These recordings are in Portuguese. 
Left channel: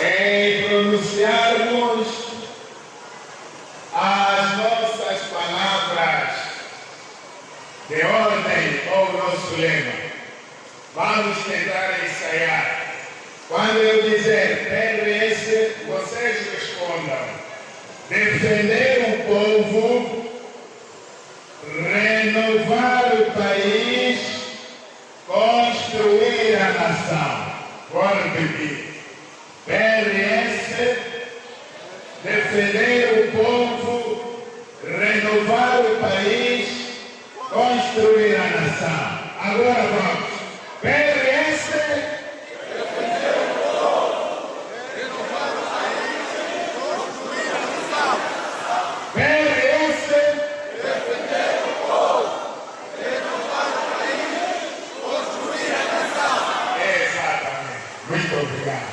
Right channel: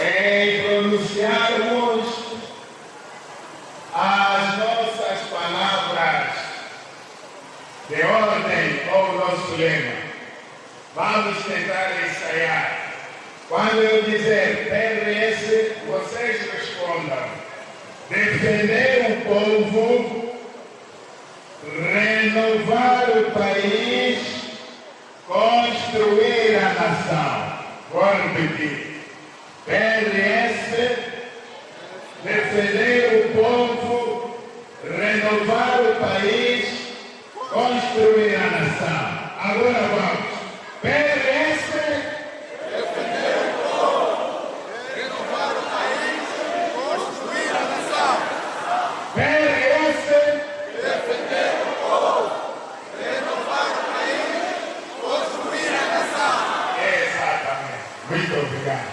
em pronunciarmos as nossas palavras de ordem ao nosso lema. Vamos tentar ensaiar. Quando eu dizer PRS, vocês respondam: defender o povo, renovar o país, construir a nação. Vou repetir. PRS, defender o povo, renovar o país, construir a nação. Agora vamos. PRS, defender o povo, renovar o país, construir a nação. PRS, Defender o povo, renovar o país, construir a nação. exatamente. Muito obrigado.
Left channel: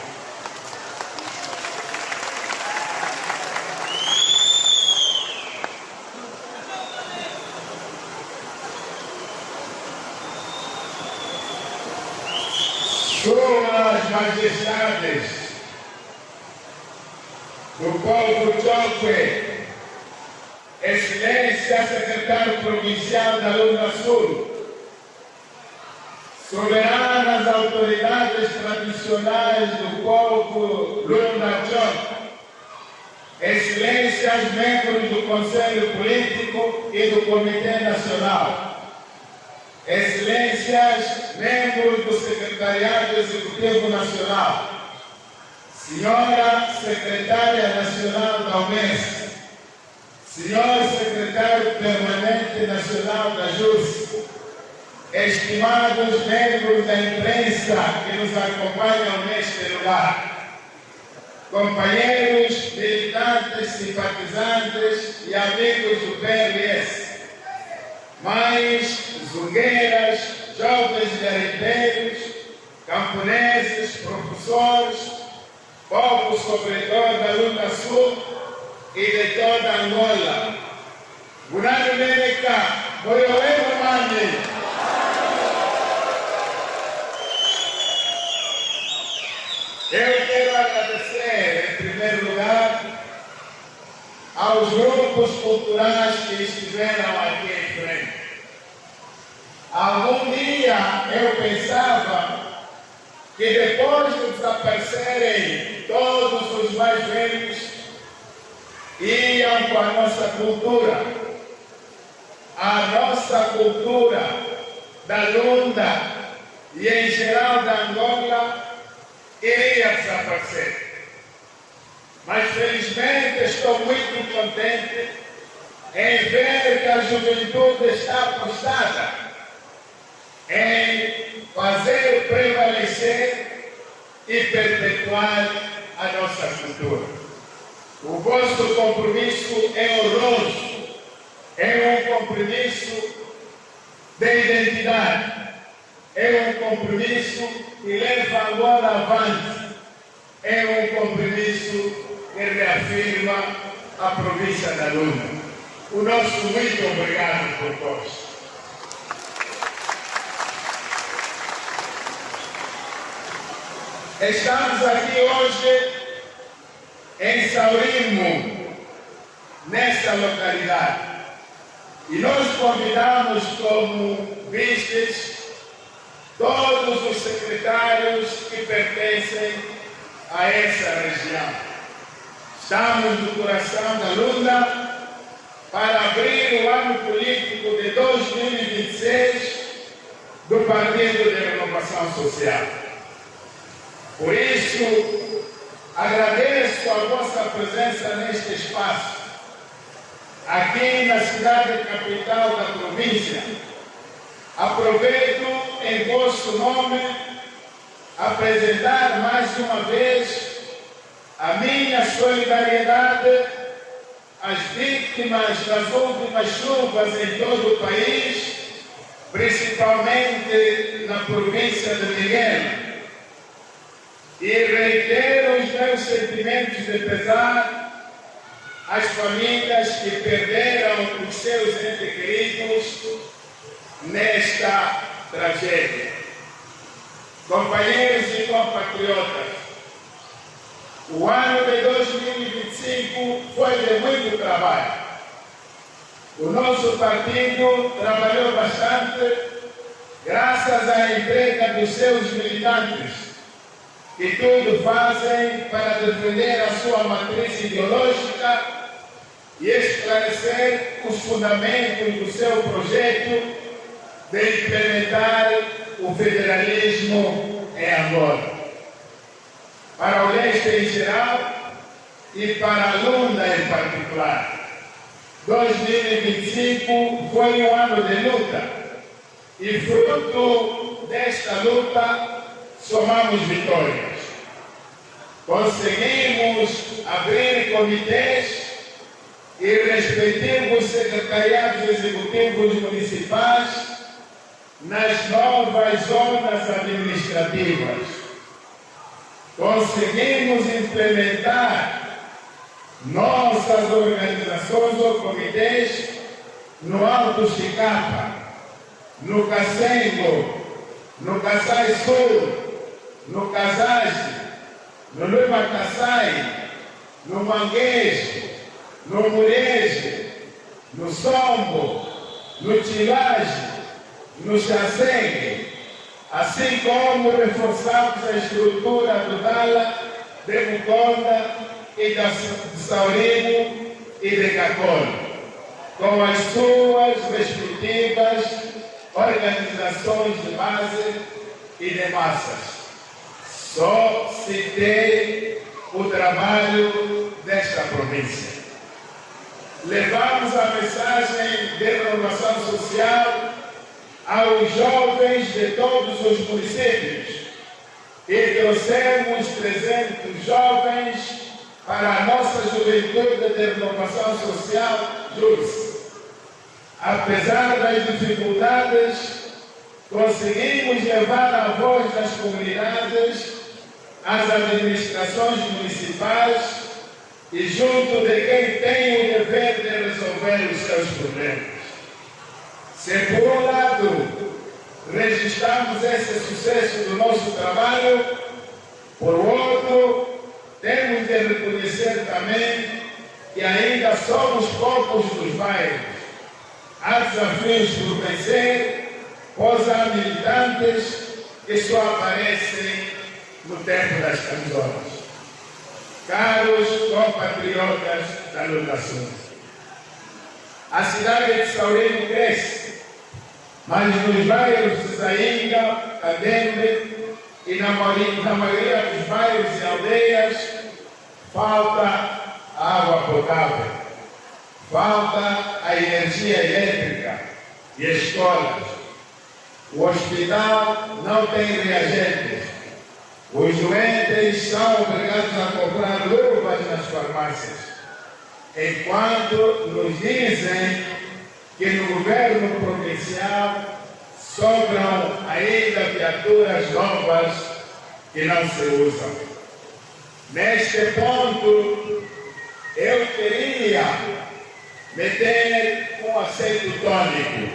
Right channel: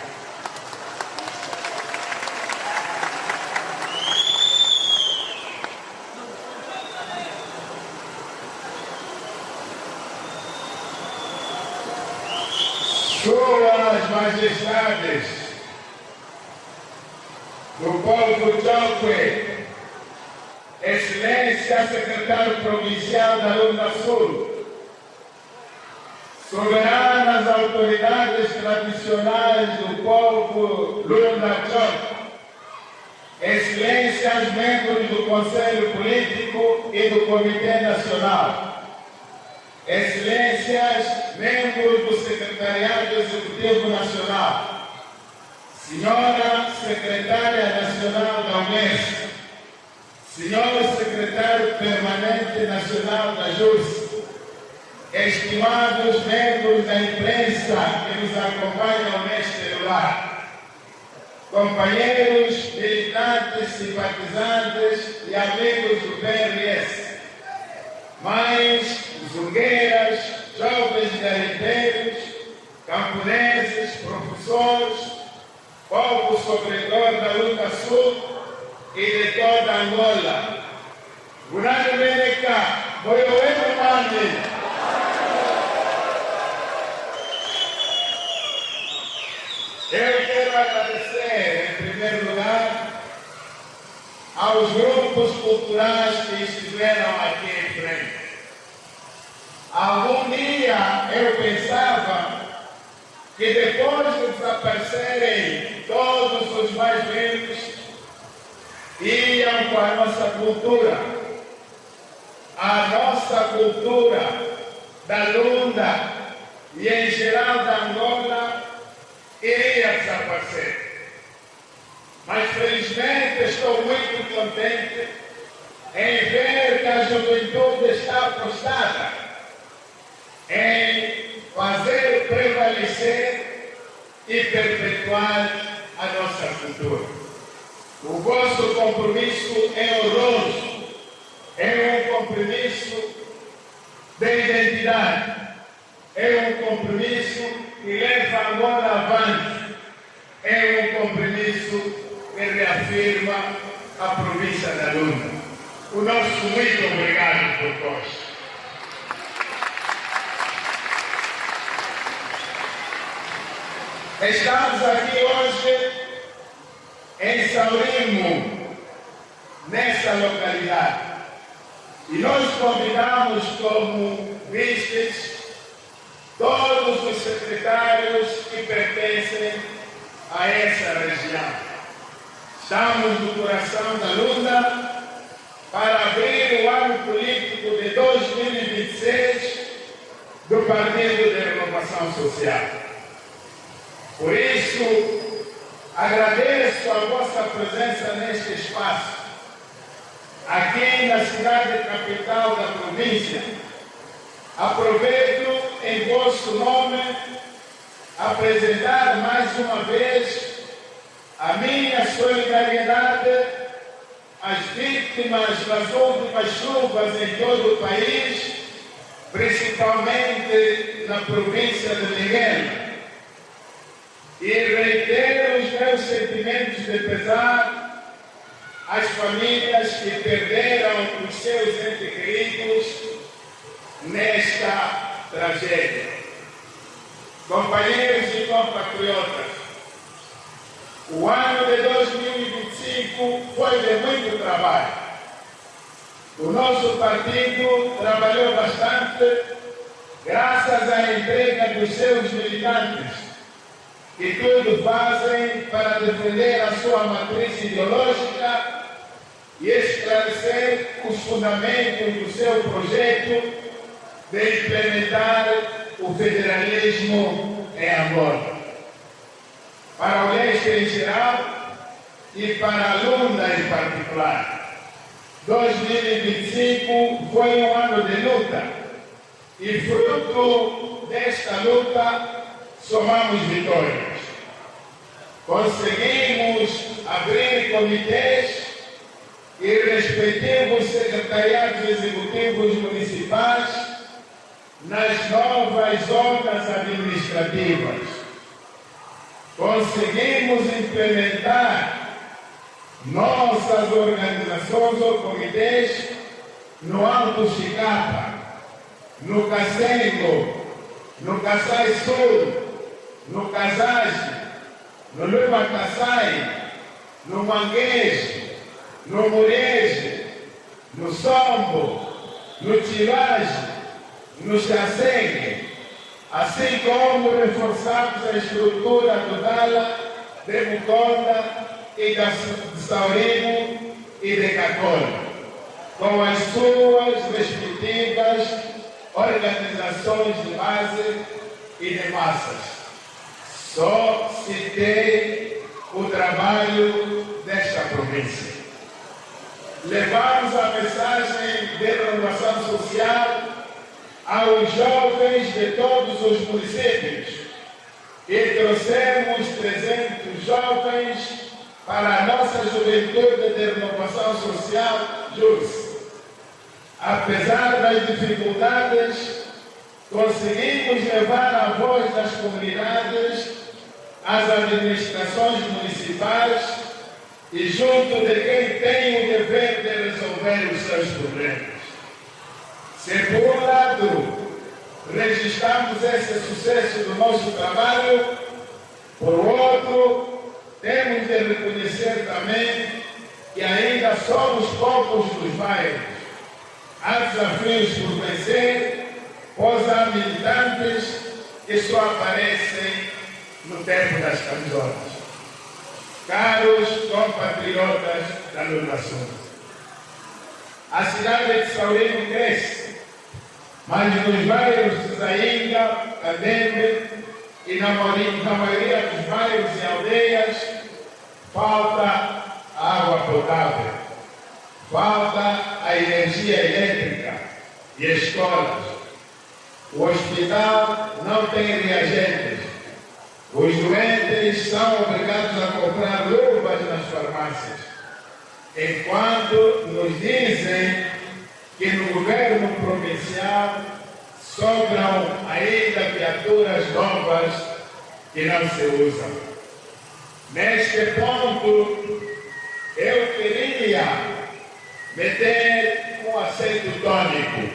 Suas Majestades, do povo Chokwe, Excelência Secretário Provincial da Lunda Sul, soberanas autoridades tradicionais do povo Lunda Chokwe, Excelências membros do Conselho Político e do Comitê Nacional, Excelências, membros do Secretariado Executivo Nacional, Senhora Secretária Nacional da UNES, Senhor Secretário Permanente Nacional da JUS, estimados membros da imprensa que nos acompanham neste lugar, companheiros, militantes, simpatizantes e amigos do PRS, mães, zungueiras, jovens garimpeiros, camponeses, professores, povo sofredor da Lunda Sul e de toda Angola. Gurani Meneka, Boioeiro Mami. Eu quero agradecer, em primeiro lugar, aos grupos culturais que estiveram aqui em frente. Algum dia eu pensava que depois de desaparecerem todos os mais velhos, iam com a nossa cultura. A nossa cultura da Lunda e em geral da Angola iria desaparecer. Mas felizmente estou muito contente em ver que a juventude está apostada em fazer prevalecer e perpetuar a nossa cultura. O vosso compromisso é honroso, é um compromisso de identidade, é um compromisso que leva agora avante, é um compromisso que reafirma a província da Lunda. O nosso muito obrigado por vós. Estamos aqui hoje em Saurimo, nessa localidade, e nós convidamos como vistes todos os secretários que pertencem a essa região. Estamos no coração da Lunda para abrir o ano político de 2026 do Partido de Renovação Social. Por isso, agradeço a vossa presença neste espaço, aqui na cidade capital da província. Aproveito em vosso nome apresentar mais uma vez a minha solidariedade às vítimas das últimas chuvas em todo o país, principalmente na província de Miguel. E reitero os meus sentimentos de pesar às famílias que perderam os seus entes queridos nesta tragédia. Companheiros e compatriotas, O ano de 2025 foi de muito trabalho. O nosso partido trabalhou bastante graças à entrega dos seus militantes, que tudo fazem para defender a sua matriz ideológica e esclarecer os fundamentos do seu projeto de implementar o federalismo em Angola. Para o leste em geral e para a Lunda em particular, 2025 foi um ano de luta e, fruto desta luta, somamos vitórias. Conseguimos abrir comitês e respectivos secretariados executivos municipais nas novas zonas administrativas. Conseguimos implementar nossas organizações ou comitês no Alto Chicapa, no Cacengo, no Kassai Sul, no Casage, no Luma Kassai, no Manguejo, no Murejo, no Sombo, no Tilage, no Chacengue, assim como reforçamos a estrutura do Dala, de Muconda e de Saurigo e de Cacolo, com as suas respectivas organizações de base e de massas. Só citei o trabalho desta província. Levamos a mensagem de renovação social aos jovens de todos os municípios e trouxemos 300 jovens para a nossa juventude de renovação social JUS. Apesar das dificuldades, conseguimos levar a voz das comunidades às administrações municipais e junto de quem tem o dever de resolver os seus problemas. Se por um lado registramos esse sucesso do nosso trabalho, por outro, temos de reconhecer também que ainda somos poucos dos bairros. Há desafios por vencer, pois há militantes que só aparecem no tempo das camisolas. Caros compatriotas da Lunação, a cidade de Saurigo cresce, mas nos bairros de Zainga, Cadembe e na maioria dos bairros e aldeias falta água potável, falta a energia elétrica e escolas. O hospital não tem reagentes. Os doentes são obrigados a comprar luvas nas farmácias, enquanto nos dizem que no governo provincial sobram ainda viaturas novas que não se usam. Neste ponto, eu queria meter um acento tônico.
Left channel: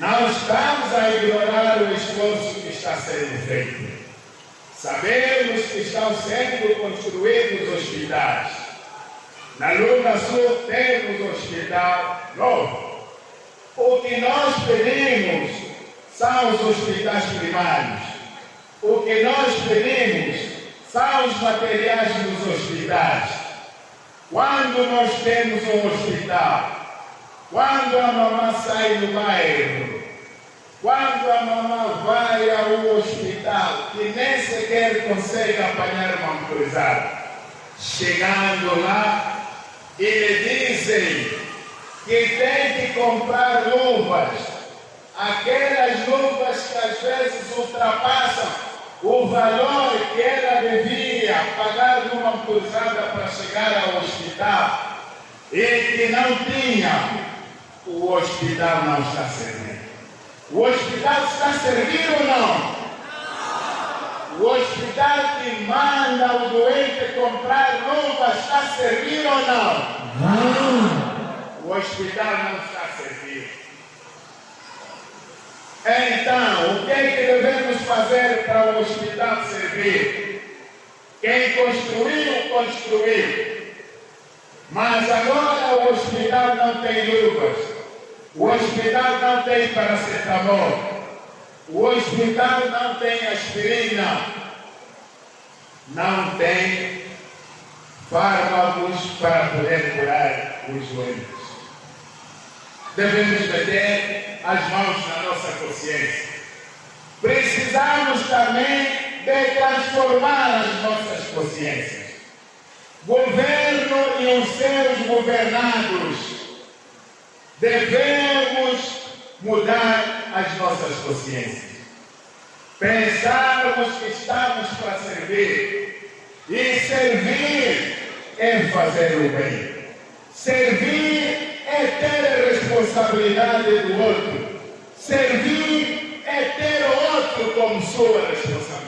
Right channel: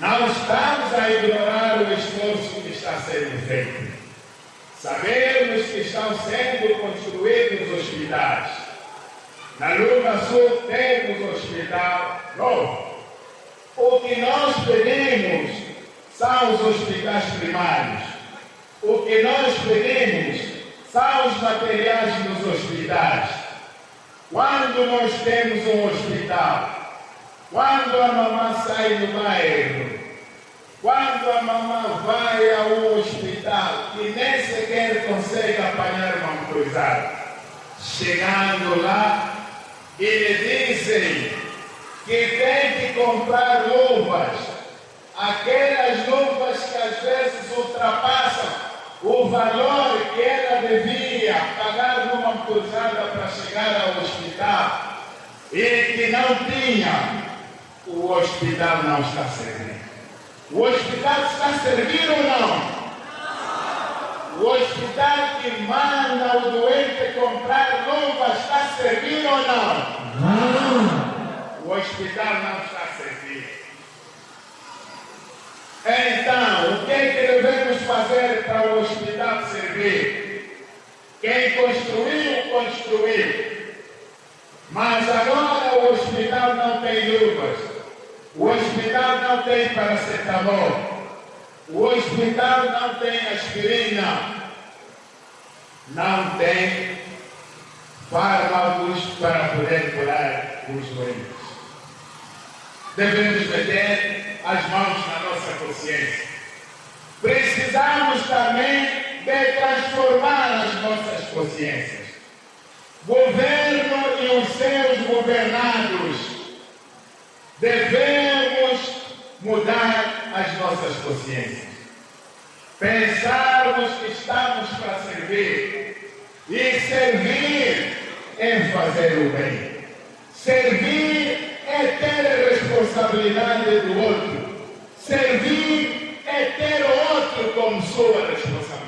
Não estamos a ignorar o esforço que está sendo feito. Sabemos que estão sendo construídos hospitais. Na Luna Sul temos hospital novo. O que nós pedimos são os hospitais primários. O que nós pedimos são os materiais dos hospitais. Quando nós temos um hospital, quando a mamãe sai do bairro, quando a mamãe vai a um hospital que nem sequer consegue apanhar uma motorizada, chegando lá e lhe dizem que tem que comprar luvas, aquelas luvas que às vezes ultrapassam o valor que ela devia pagar numa motorizada para chegar ao hospital e que não tinha, o hospital não está servindo. O hospital está servindo ou não? O hospital que manda o doente comprar luva está servindo ou não? O hospital não está servindo. Então, o que é que devemos fazer para o hospital servir? Quem construiu, construiu. Mas agora o hospital não tem luvas. O hospital não tem paracetamol. O hospital não tem aspirina. Não tem fármacos para poder curar os doentes. Devemos meter as mãos na nossa consciência. Precisamos também de transformar as nossas consciências. Governo e os seus governados, devemos mudar as nossas consciências. Pensarmos que estamos para servir. E servir é fazer o bem. Servir é ter a responsabilidade do outro. Servir é ter o outro como sua responsabilidade.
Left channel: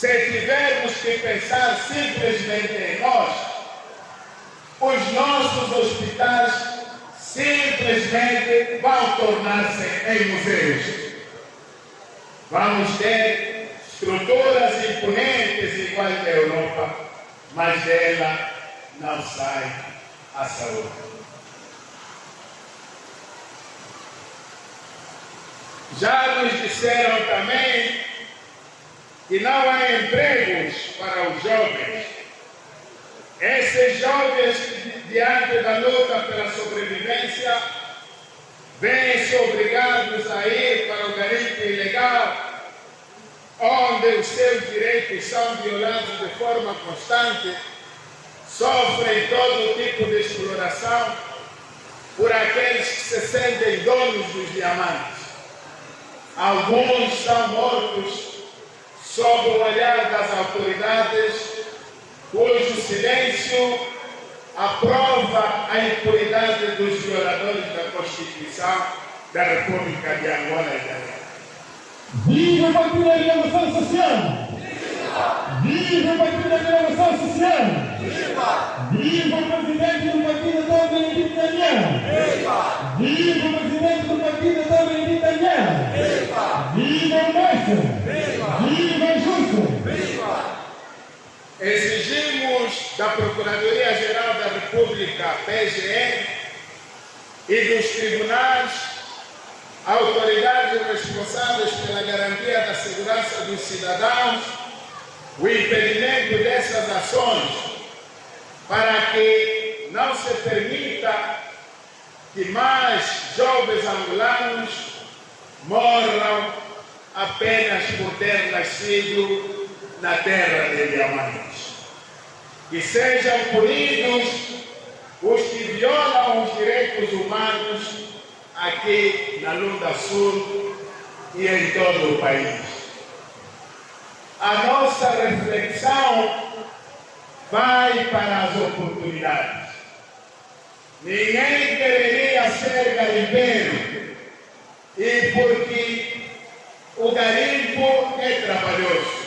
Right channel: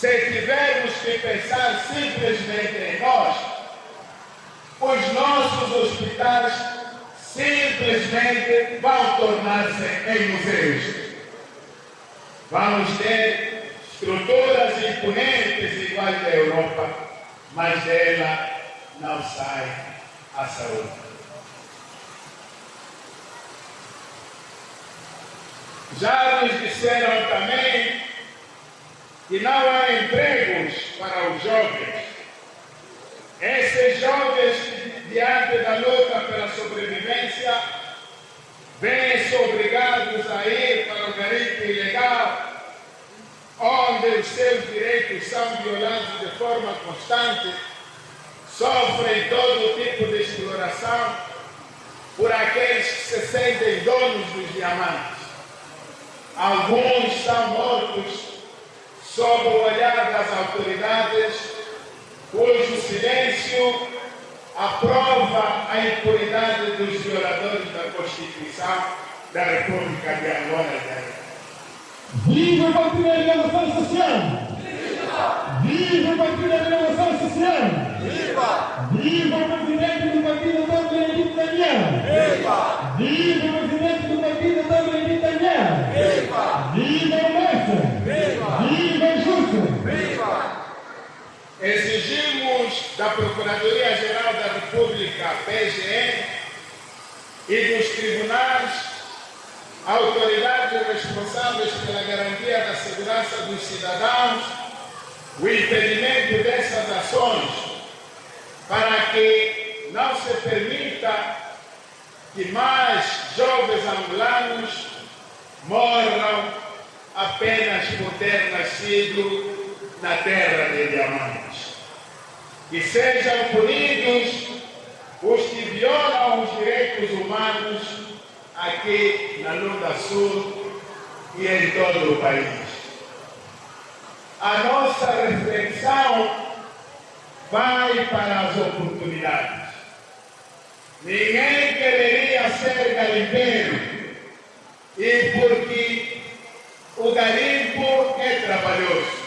Se tivermos que pensar simplesmente em nós, os nossos hospitais simplesmente vão tornar-se em museus. Vamos ter estruturas imponentes iguais da Europa, mas dela não sai a saúde. Já nos disseram também que não há empregos para os jovens. Esses jovens, diante da luta pela sobrevivência, vêm-se obrigados a ir para o garimpo ilegal, onde os seus direitos são violados de forma constante, sofrem todo tipo de exploração por aqueles que se sentem donos dos diamantes. Alguns são mortos sob o olhar das autoridades, cujo silêncio aprova a impunidade dos violadores da Constituição da República de Angola e da Guiné. Viva o Partido da Renovação Social! Viva o Partido da Renovação Social! Viva o presidente do Partido Antônio Benedito Daniel! Viva o presidente do Partido Antônio Benedito Daniel! Viva o Mestre! Viva o Justo! Exigimos da Procuradoria-Geral da República, PGR, e dos tribunais, autoridades responsáveis pela garantia da segurança dos cidadãos, o impedimento dessas ações, para que não se permita que mais jovens angolanos morram apenas por ter nascido na terra de diamantes. Que sejam punidos os que violam os direitos humanos aqui na Lunda Sul e em todo o país. A nossa reflexão vai para as oportunidades. Ninguém deveria ser garimpeiro, e porque o garimpo é trabalhoso.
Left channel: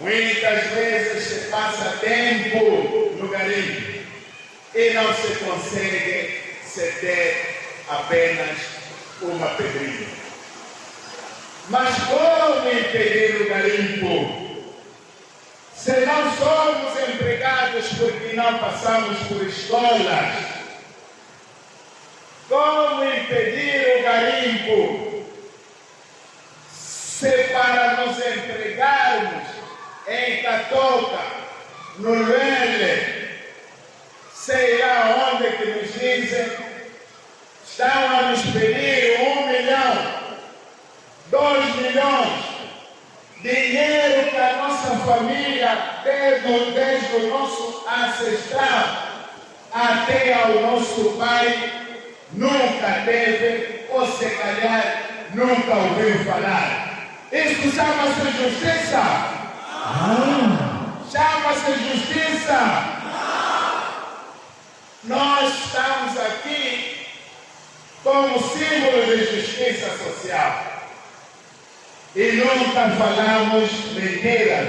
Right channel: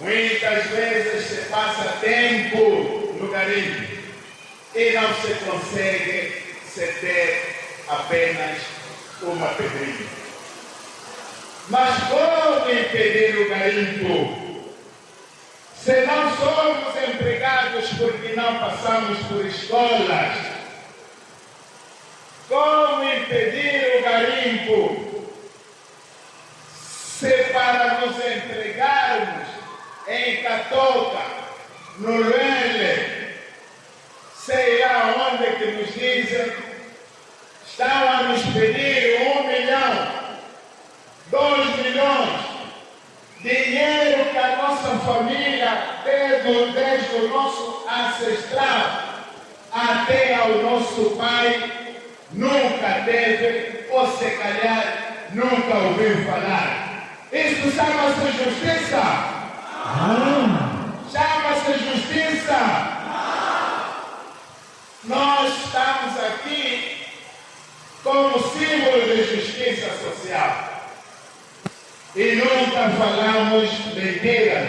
Muitas vezes se passa tempo no garimpo e não se consegue se ter apenas uma pedrinha. Mas como impedir o garimpo? Se não somos empregados porque não passamos por escolas, como impedir o garimpo? Se para nos empregarmos em Catoca, no Luele, sei lá onde que nos dizem, estão a nos pedir 1 milhão, 2 milhões, dinheiro que a nossa família, desde o nosso ancestral até ao nosso pai, nunca teve, ou se calhar nunca ouviu falar. Isso chama-se justiça? Chama-se justiça? Nós estamos aqui como símbolo de justiça social e nunca falamos mentiras.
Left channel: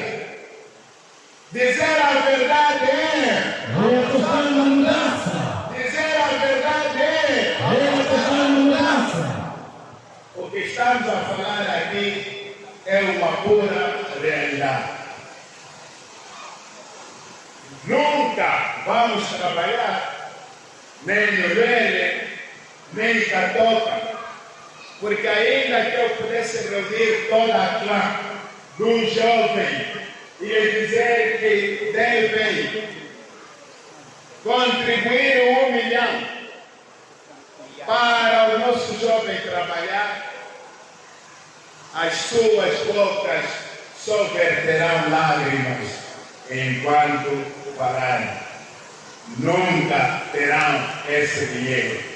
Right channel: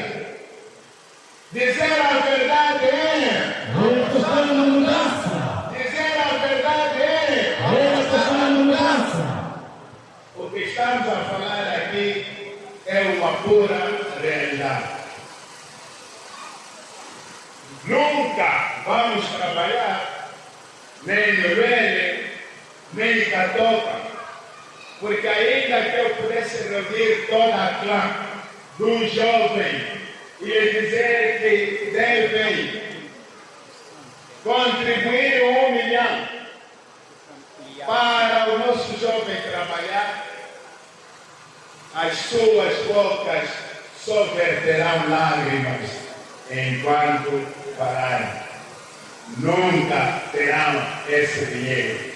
Dizer a verdade é dizer a verdade é o que estamos a falar aqui é uma pura realidade. Nunca vamos trabalhar nem no Velho, nem em Catoca, porque ainda que eu pudesse reunir toda a clã do jovem e dizer que devem contribuir 1 milhão para o nosso jovem trabalhar, as suas bocas só verterão lágrimas enquanto falarem. Nunca terão esse dinheiro.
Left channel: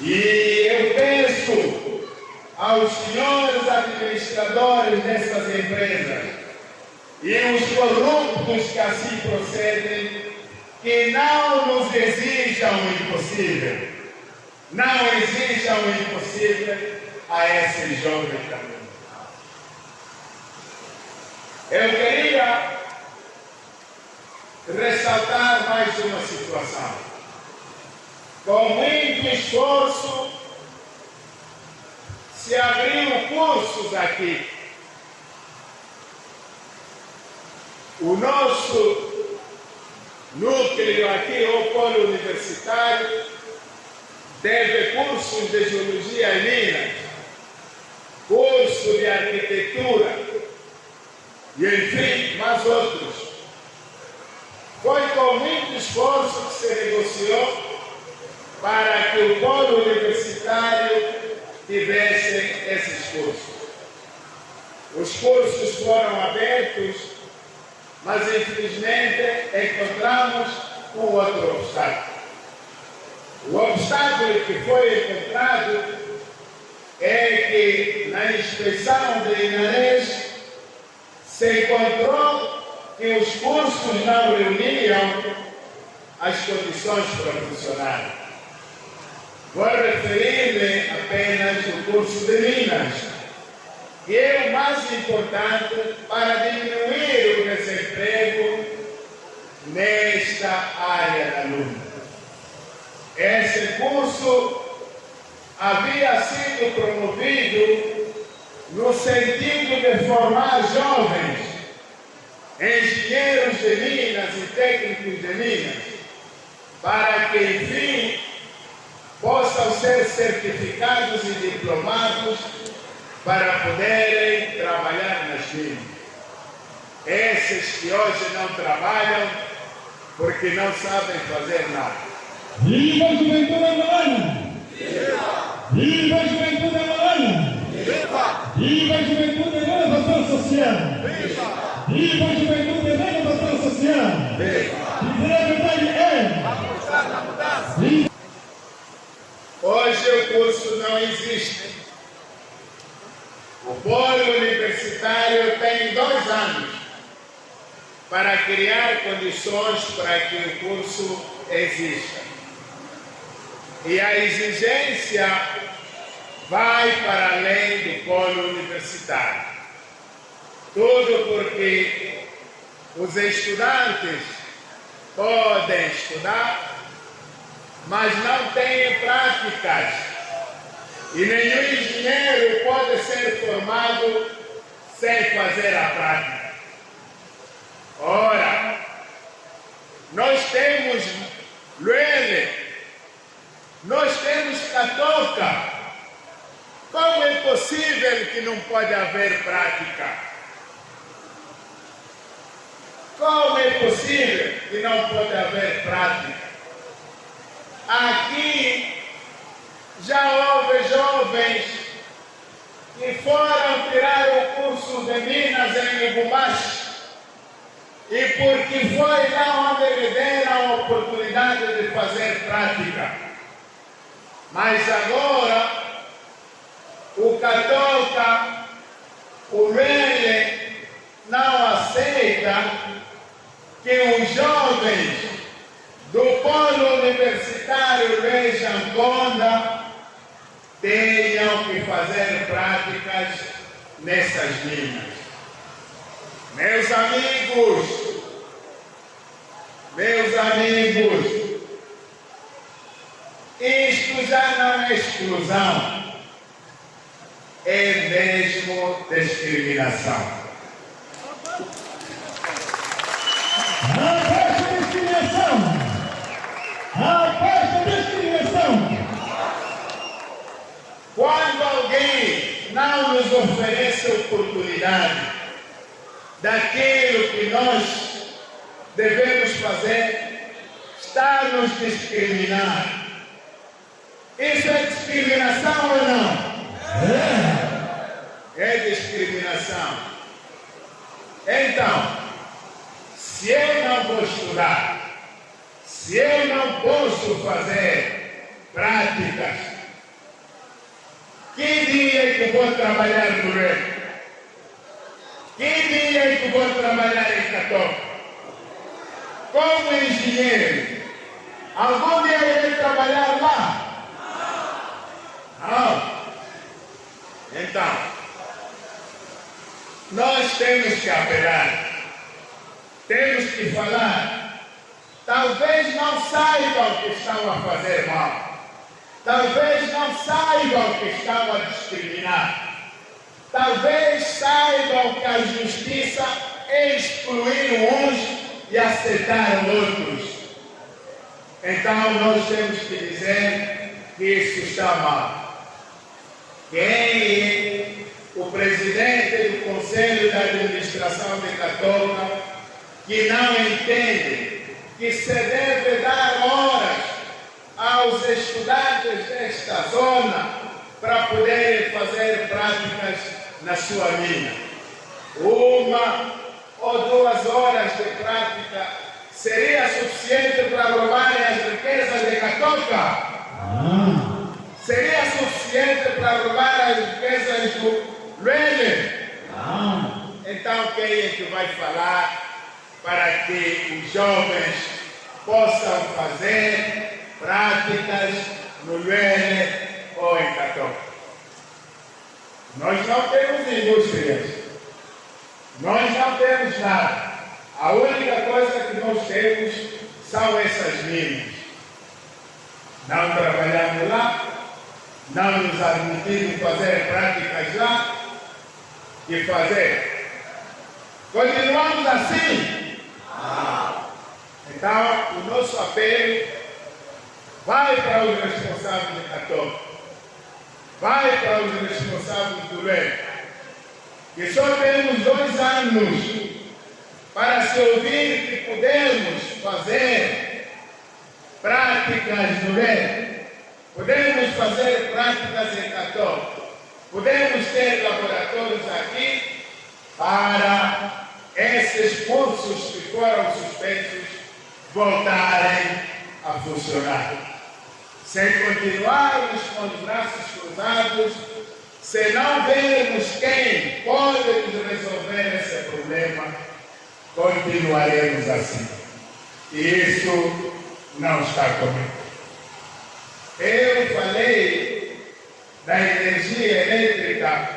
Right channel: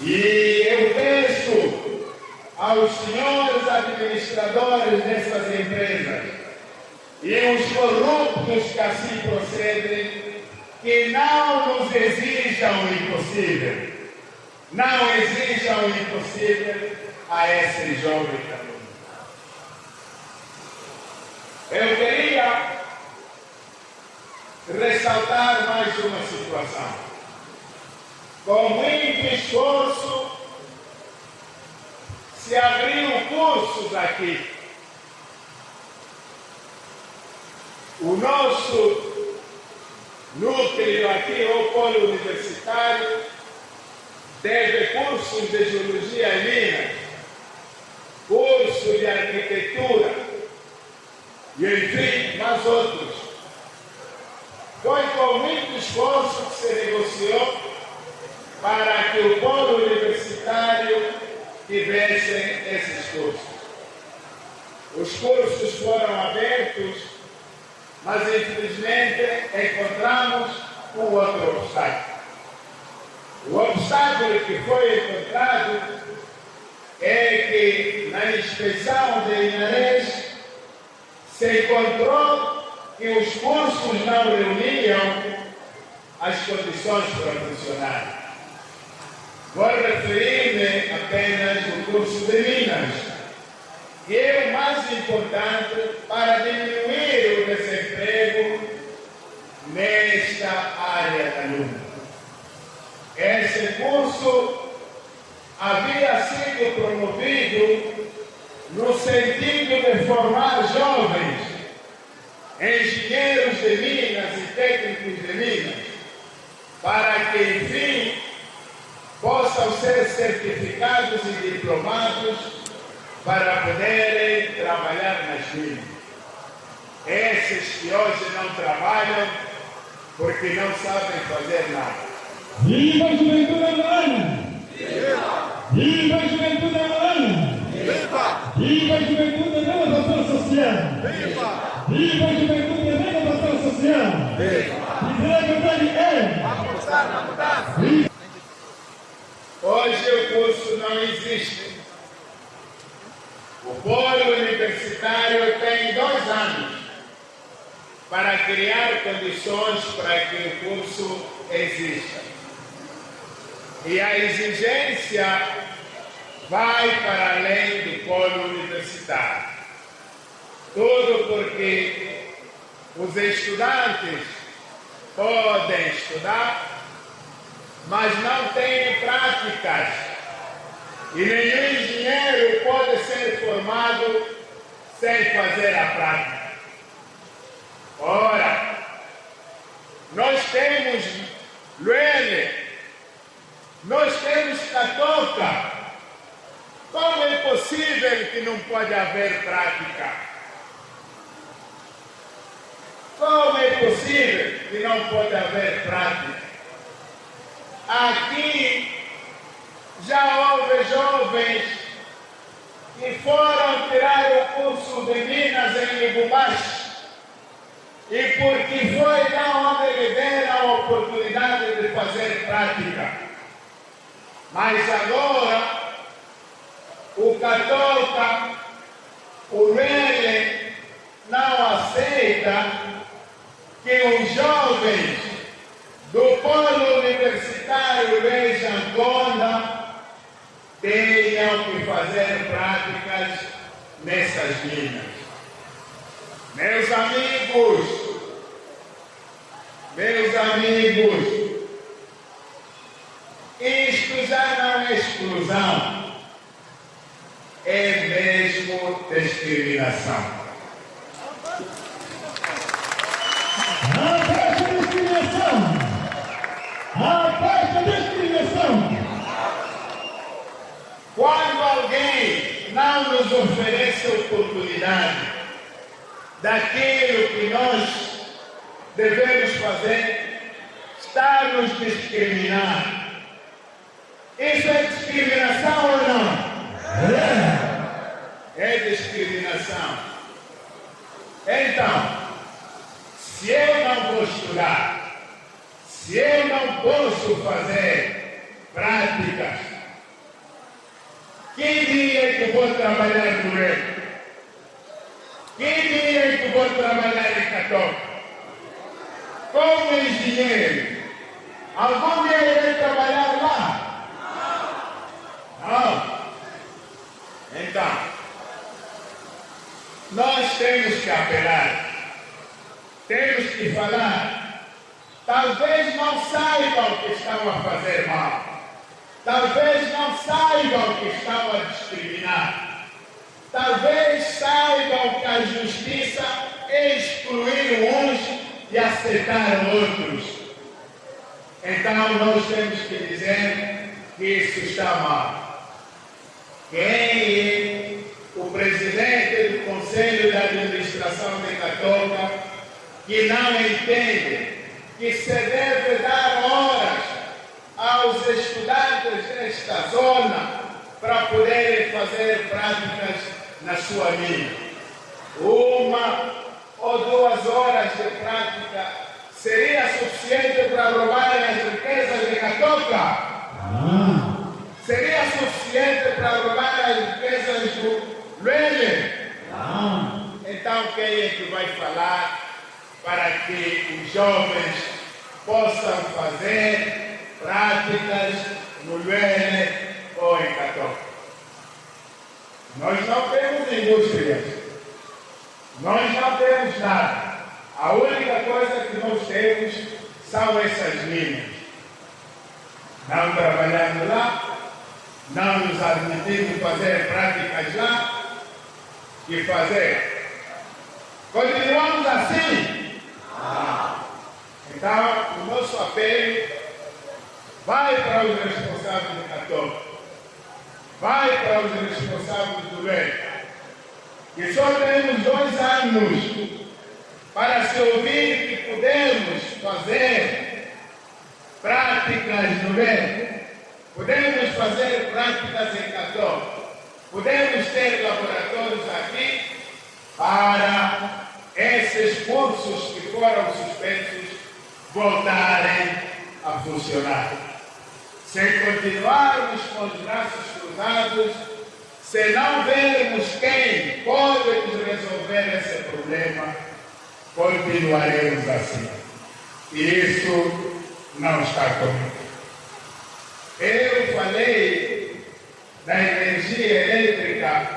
E eu peço aos senhores administradores dessas empresas e os corruptos que assim procedem, que não nos exijam o impossível. Não exijam o impossível a esse jovem também. Eu queria ressaltar mais uma situação. Com muito esforço, se abriu cursos aqui. O nosso núcleo aqui, o polo universitário, teve cursos de geologia em Minas, curso de arquitetura, e enfim, mais outros. Foi com muito esforço que se negociou para que o polo universitário tivesse esses cursos. Os cursos foram abertos, mas infelizmente encontramos um outro obstáculo. O obstáculo que foi encontrado é que na inspeção de Inarés se encontrou que os cursos não reuniam as condições profissionais. Vou referir-me apenas ao curso de Minas, que é o mais importante para diminuir o desemprego nesta área da luta. Esse curso havia sido promovido no sentido de formar jovens, engenheiros de Minas e técnicos de Minas, para que, enfim, possam ser certificados e diplomados para poderem trabalhar nas minas. Esses que hoje não trabalham porque não sabem fazer nada. Viva a juventude angolana! Viva a juventude angolana! Viva a juventude da renovação social! Viva a juventude da renovação social! Dizer a verdade é... Hoje o curso não existe. O polo universitário tem 2 anos para criar condições para que o curso exista. E a exigência vai para além do polo universitário. Tudo porque os estudantes podem estudar, mas não têm práticas. E nenhum engenheiro pode ser formado sem fazer a prática. Ora, nós temos Luele, nós temos Catoca. Como é possível que não pode haver prática? Como é possível que não pode haver prática? Aqui já houve jovens que foram tirar o curso de Minas em Lubumbashi, e porque foi lá onde lhe deram a oportunidade de fazer prática. Mas agora, o Catoca, o Lele, não aceita que os jovens do polo universitário de Angola tenham que fazer práticas nessas minas. Meus amigos, isto já não é exclusão, é mesmo discriminação. Afasta a discriminação! Afasta a discriminação! Quando alguém não nos oferece a oportunidade daquilo que nós devemos fazer, está nos discriminando. Isso é discriminação ou não? É discriminação. Então, se eu não vou estudar, se eu não posso fazer práticas, que dia que vou trabalhar no reino? Que dia que vou trabalhar em Catoca? Como engenheiro, algum dia eu irei trabalhar lá? Não. Então, nós temos que apelar, temos que falar. Talvez não saibam que estão a fazer mal, talvez não saibam que estão a discriminar, talvez saibam que a justiça é excluir uns e aceitar outros. Então nós temos que dizer que isso está mal. Quem é o presidente do Conselho de Administração de Catoca que não entende que se deve dar horas aos estudantes desta zona para poderem fazer práticas na sua mina? 1 ou 2 horas de prática seria suficiente para roubarem as riquezas de Catoca? Seria suficiente para roubar as riquezas do Luele? Então quem é que vai falar para que os jovens possam fazer práticas no Luele ou em Catoca? Nós não temos indústrias, nós não temos nada. A única coisa que nós temos são essas minas. Não trabalhamos lá, não nos admitimos fazer práticas lá, e fazer. Continuamos assim? Então, o nosso apelo vai para os responsáveis de Catoca, vai para os responsáveis do Luele, que só temos 2 anos para se ouvir que podemos fazer práticas no Luele, podemos fazer práticas em Catoca, podemos ter laboratórios aqui para esses cursos que foram suspensos voltarem a funcionar. Sem continuarmos com os braços cruzados, se não vermos quem pode nos resolver esse problema, continuaremos assim. E isso não está comigo. Eu falei da energia elétrica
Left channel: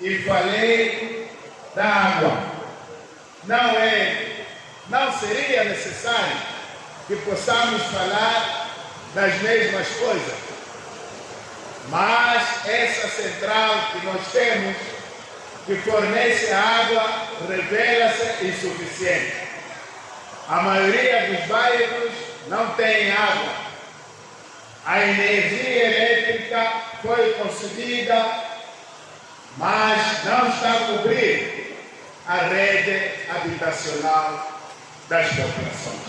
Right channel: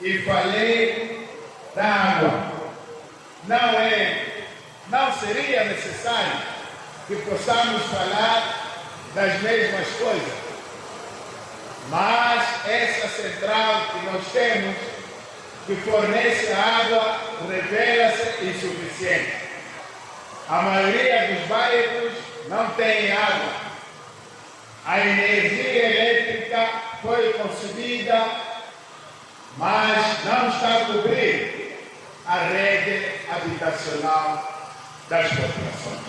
e falei da água. Não seria necessário que possamos falar das mesmas coisas, mas essa central que nós temos, que fornece água, revela-se insuficiente. A maioria dos bairros não tem água. A energia elétrica foi concebida, mas não está a cobrir a rede habitacional das populações.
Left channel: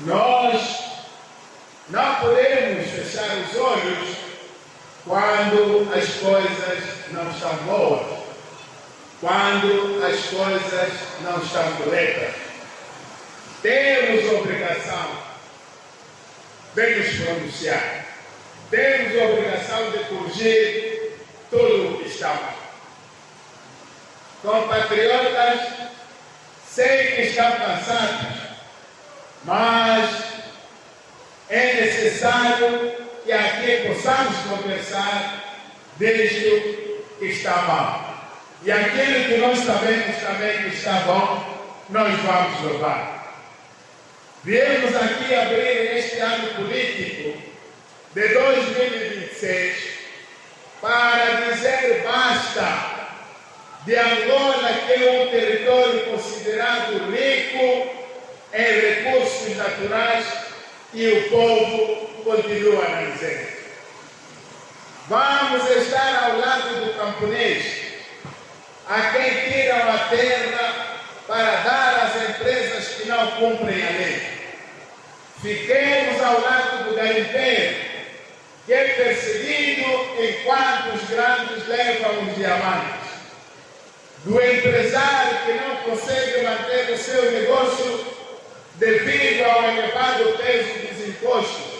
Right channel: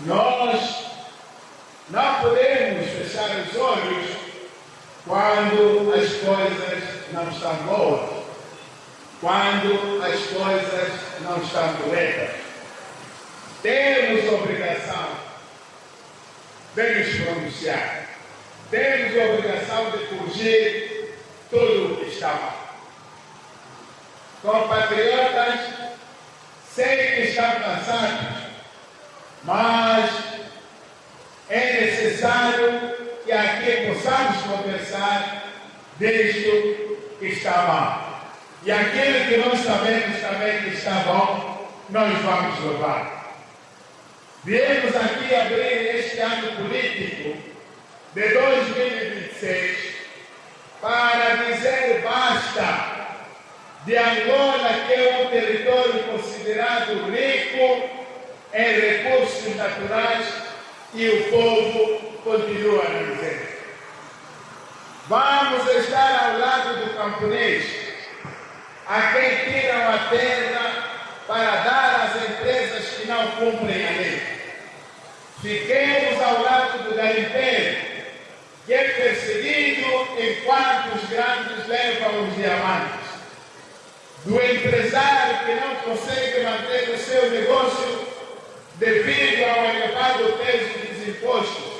Nós não podemos fechar os olhos quando as coisas não estão boas, quando as coisas não estão corretas. Temos obrigação de nos pronunciar, temos obrigação de corrigir tudo o que está mal. Compatriotas, sei que estão cansados, mas é necessário que aqui possamos conversar desde que está mal. E aquilo que nós sabemos também que está bom, nós vamos louvar. Viemos aqui abrir este ano político de 2026 para dizer basta de Angola, que é um território considerado rico em recursos naturais, e o povo continua na miséria. Vamos estar ao lado do camponês, a quem tiram a terra para dar às empresas que não cumprem a lei. Fiquemos ao lado do garimpeiro, que é perseguido enquanto os grandes levam os diamantes. Do empresário que não consegue manter o seu negócio devido ao elevado peso dos impostos.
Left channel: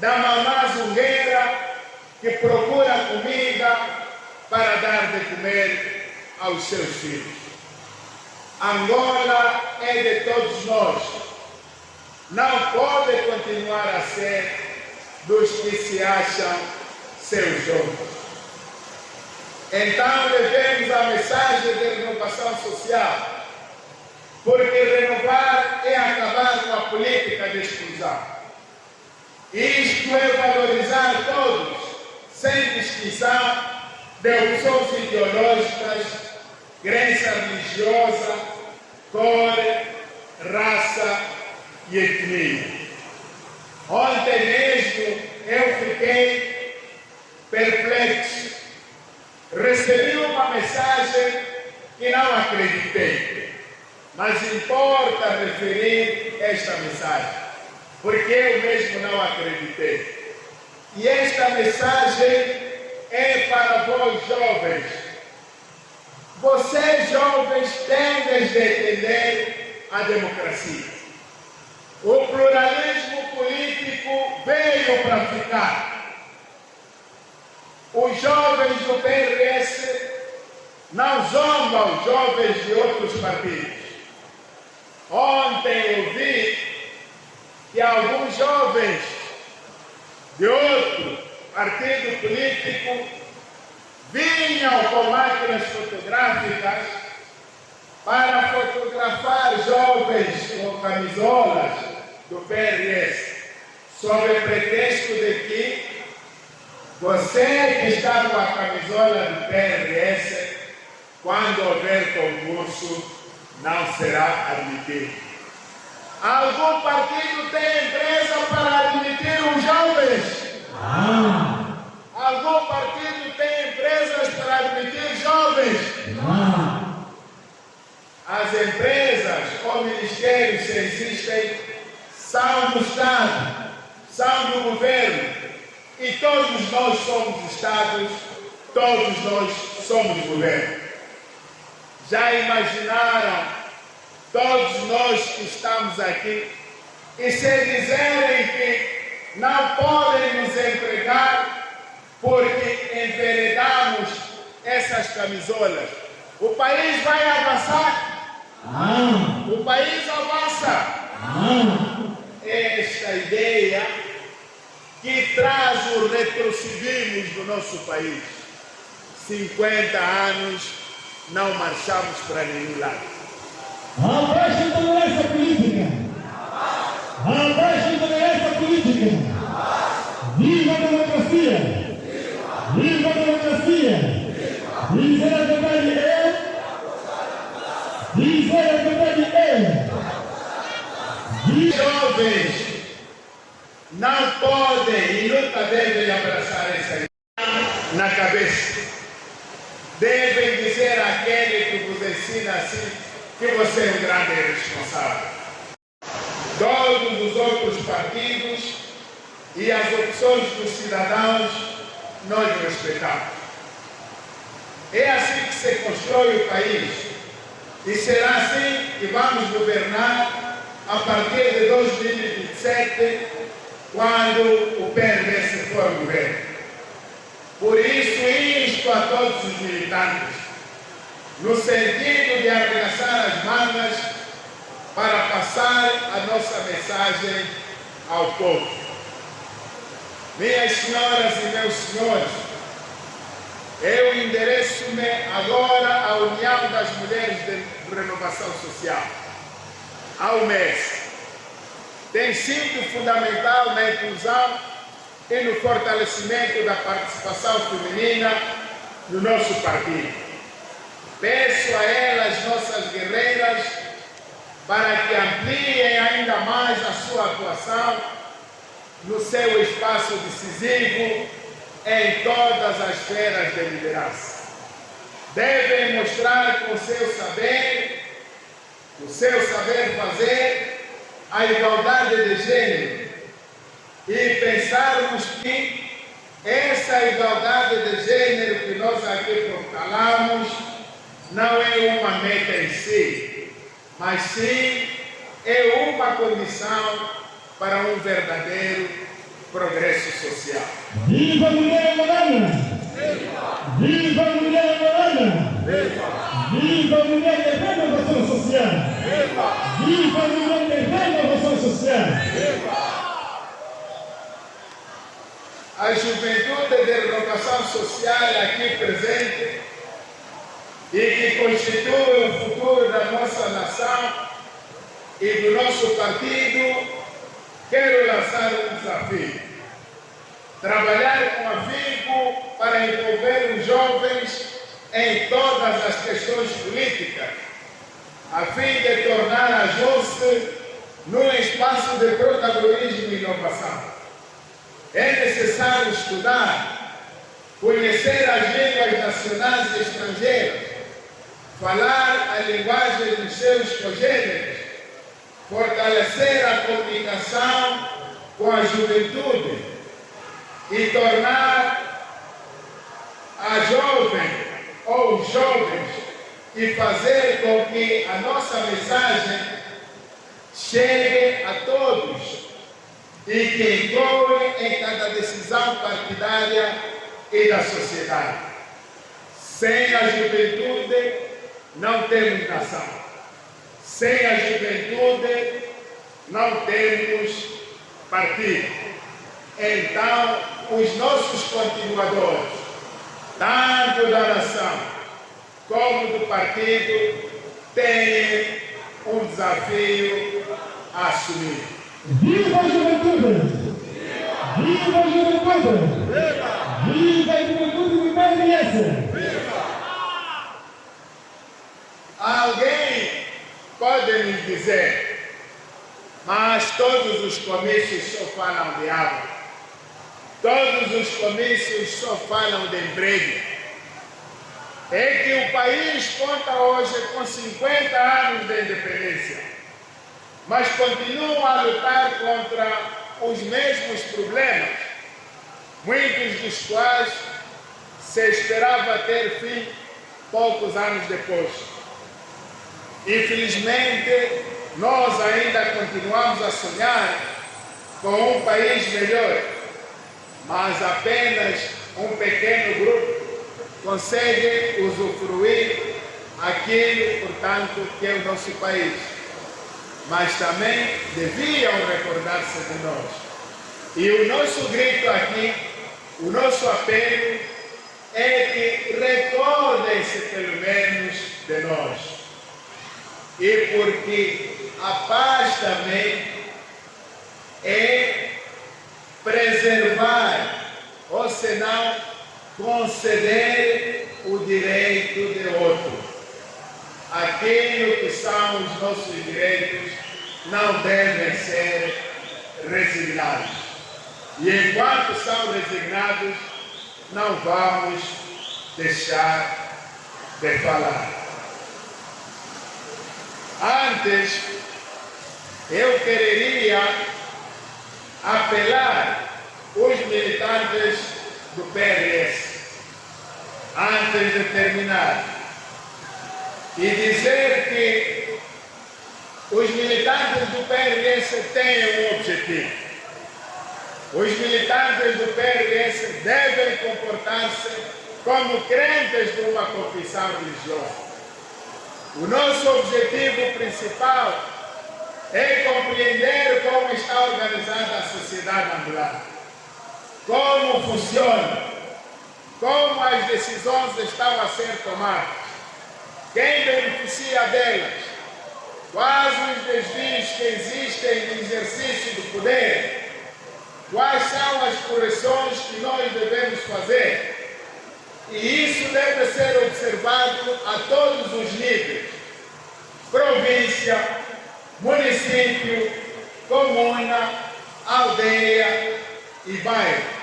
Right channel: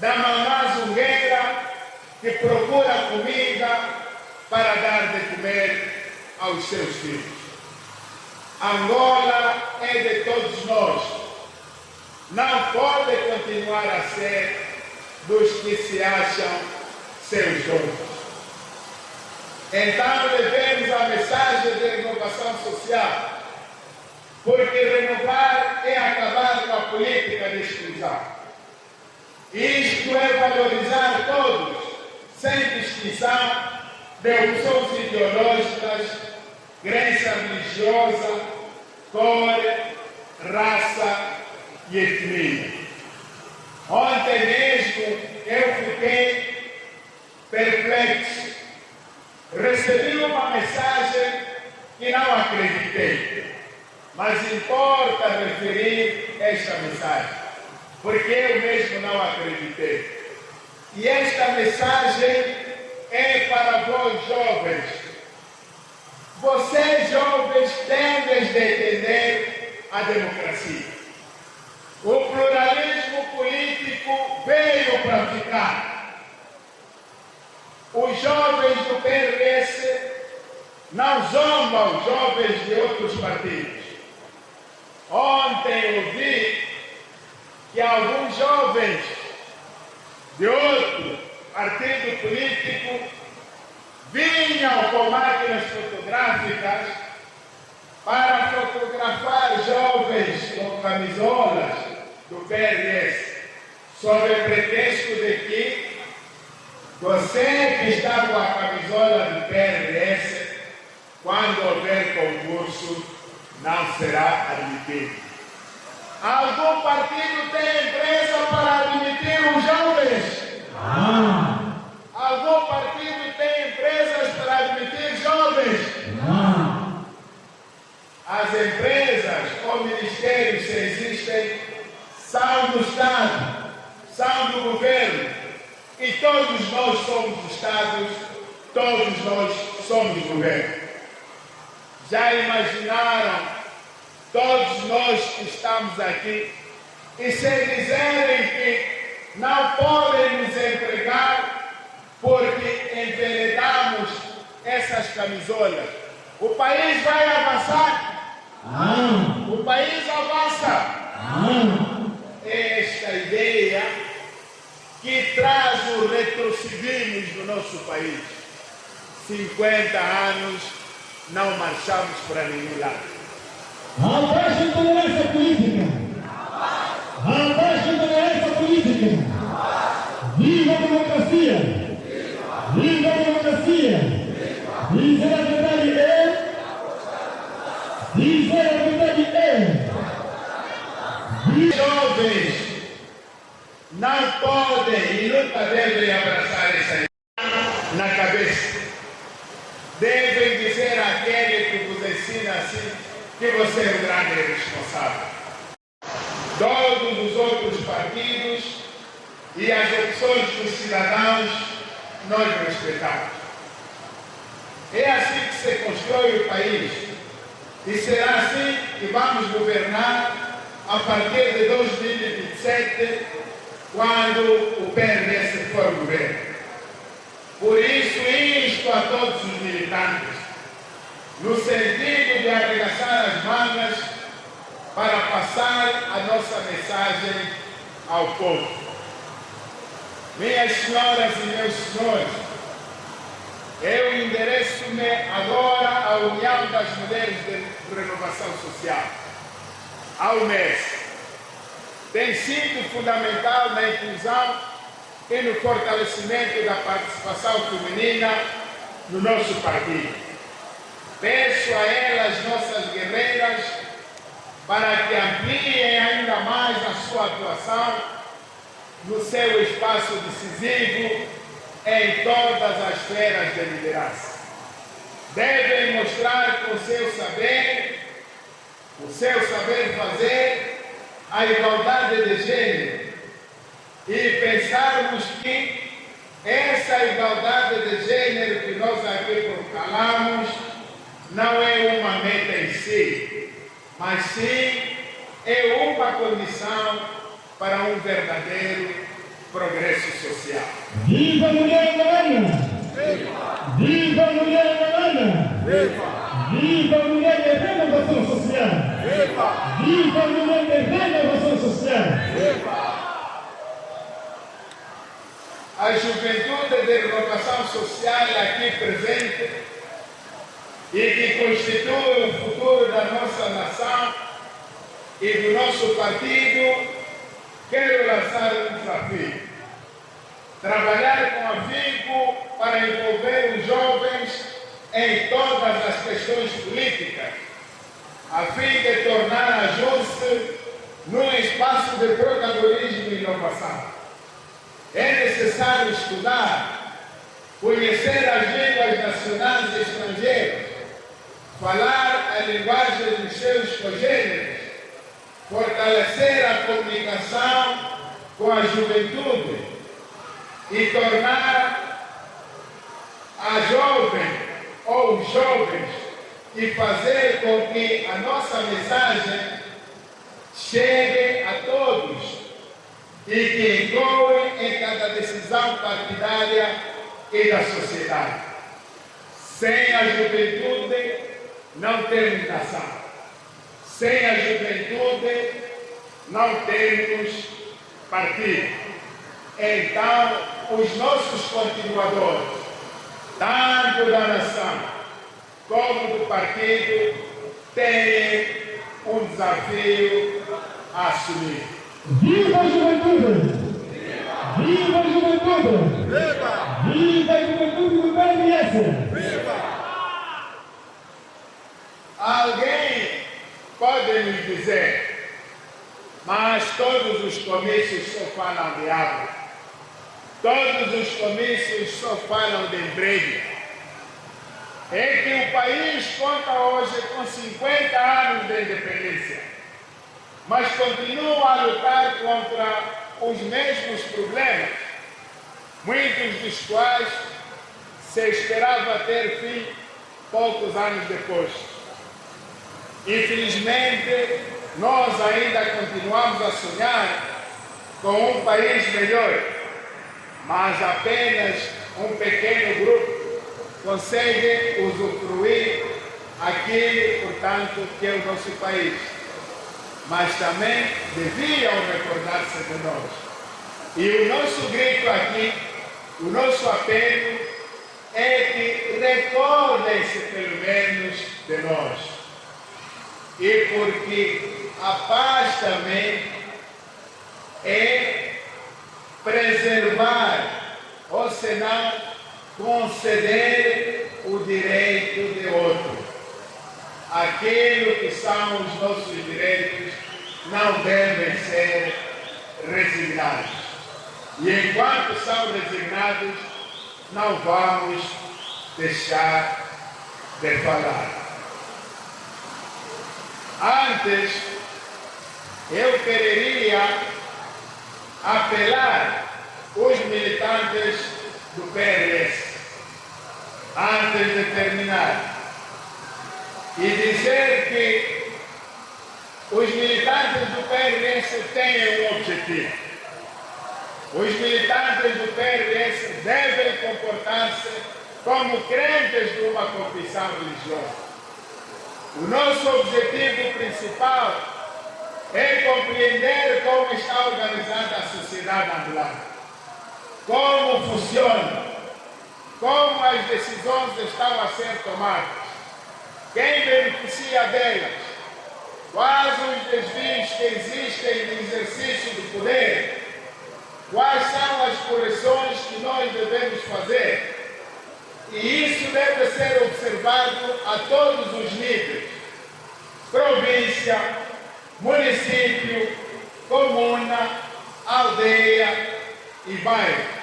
Da mamã zungueira que procura comida para dar de comer aos seus filhos. Angola é de todos nós. Não pode continuar a ser dos que se acham seus donos. Então levemos a mensagem de renovação social, porque renovar é acabar com a política de exclusão. Isto é valorizar todos, sem distinção de opções ideológicas, crença religiosa, cor, raça e etnia. Ontem mesmo eu fiquei perplexo. Recebi uma mensagem que não acreditei, mas importa referir esta mensagem, porque eu mesmo não acreditei. E esta mensagem é para vós jovens. Vocês jovens devem de entender a democracia. O pluralismo político veio para ficar. Os jovens do PRS não zombam os jovens de outros partidos. Ontem eu vi que alguns jovens de outro partido político vinham com máquinas fotográficas para fotografar jovens com camisolas do PRS, sob o pretexto de que você que está com a camisola do PRS, quando houver concurso, não será admitido. Algum partido tem empresa para admitir os jovens? Algum partido tem empresas para admitir jovens? As empresas ou ministérios que existem são do Estado, são do governo. E todos nós somos Estados, todos nós somos governo. Já imaginaram, todos nós que estamos aqui, e se dizerem que não podem nos empregar porque enveredamos essas camisolas, o país vai avançar? O país avança. Esta ideia que traz o retrocedivismo no nosso país. 50 anos não marchamos para nenhum lado. Abaixo a intolerância política! Abaixo a intolerância política! Viva a democracia! Viva a democracia! Dizer a verdade é! Dizer a verdade é! Jovens não podem e nunca devem abraçar essa ideia na cabeça. Devem dizer àquele que vos ensina assim que você é um grande responsável. Todos os outros partidos e as opções dos cidadãos nós respeitamos. É assim que se constrói o país e será assim que vamos governar a partir de 2027, quando o PRS for governo. Por isso, insto a todos os militantes, no sentido de arregaçar as mangas para passar a nossa mensagem ao povo. Minhas senhoras e meus senhores, eu endereço-me agora à União das Mulheres de Renovação Social, ao MES. Tem sido fundamental na inclusão e no fortalecimento da participação feminina no nosso partido. Peço a elas, nossas guerreiras, para que ampliem ainda mais a sua atuação no seu espaço decisivo em todas as esferas de liderança. Devem mostrar com o seu saber fazer, a igualdade de gênero e pensarmos que essa igualdade de gênero que nós aqui proclamamos não é uma meta em si, mas sim é uma condição para um verdadeiro progresso social. Viva a mulher Noronha! Viva a mulher Noronha! Viva a mulher de renovação social! Viva a mulher de renovação social! A juventude de renovação social aqui presente e que constitui o futuro da nossa nação e do nosso partido, quero lançar um desafio. Trabalhar com afinco para envolver os jovens em todas as questões políticas, a fim de tornar a JUST num espaço de protagonismo e inovação. É necessário estudar, conhecer as línguas nacionais e estrangeiras, falar a linguagem dos seus congêneres, fortalecer a comunicação com a juventude e tornar a jovem ou os jovens e fazer com que a nossa mensagem chegue a todos e que ecoe em cada decisão partidária e da sociedade. Sem a juventude não temos nação. Sem a juventude não temos partido. Então, os nossos continuadores, tanto da nação como do partido, têm um desafio a assumir. Viva a juventude! Viva a juventude! Viva a juventude do PRS! Alguém pode me dizer, mas todos os comícios só falam de água. Todos os comícios só falam de emprego. É que o país conta hoje com 50 anos de independência, mas continua a lutar contra os mesmos problemas, muitos dos quais se esperava ter fim poucos anos depois. Infelizmente, nós ainda continuamos a sonhar com um país melhor, mas apenas um pequeno grupo consegue usufruir aquilo, portanto, que é o nosso país. Mas também deviam recordar-se de nós. E o nosso grito aqui, o nosso apelo é que recordem-se pelo menos de nós. E porque a paz também é preservar, ou senão conceder o direito de outro. Aquilo que são os nossos direitos não devem ser resignados. E enquanto são resignados, não vamos deixar de falar. Antes, eu queria apelar os militantes do PRS, antes de terminar, e dizer que os militantes do PRS têm um objetivo. Os militantes do PRS devem comportar-se como crentes de uma confissão religiosa. O nosso objetivo principal é compreender como está organizada a sociedade ambulante, como funciona, como as decisões estão a ser tomadas, quem beneficia delas, quais os desvios que existem no exercício do poder, quais são as correções que nós devemos fazer. E isso deve ser observado a todos os níveis: província, município, comuna, aldeia e bairro.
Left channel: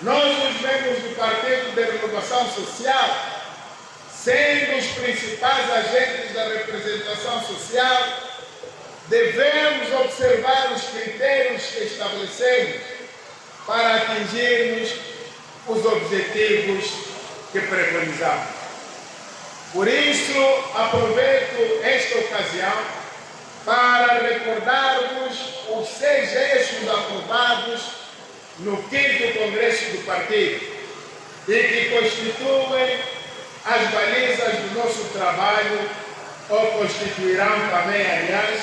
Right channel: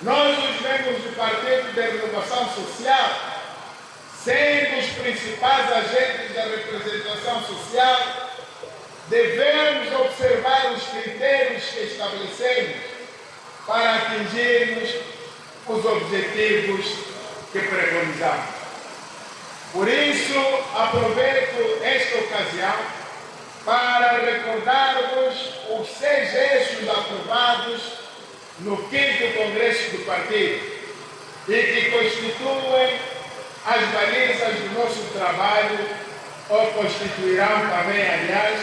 Nós, os membros do Partido de Renovação Social, sendo os principais agentes da representação social, devemos observar os critérios que estabelecemos para atingirmos os objetivos que preconizamos. Por isso, aproveito esta ocasião para recordarmos os 6 eixos aprovados no 5º Congresso do Partido e que constituem as balizas do nosso trabalho, ou constituirão também, aliás,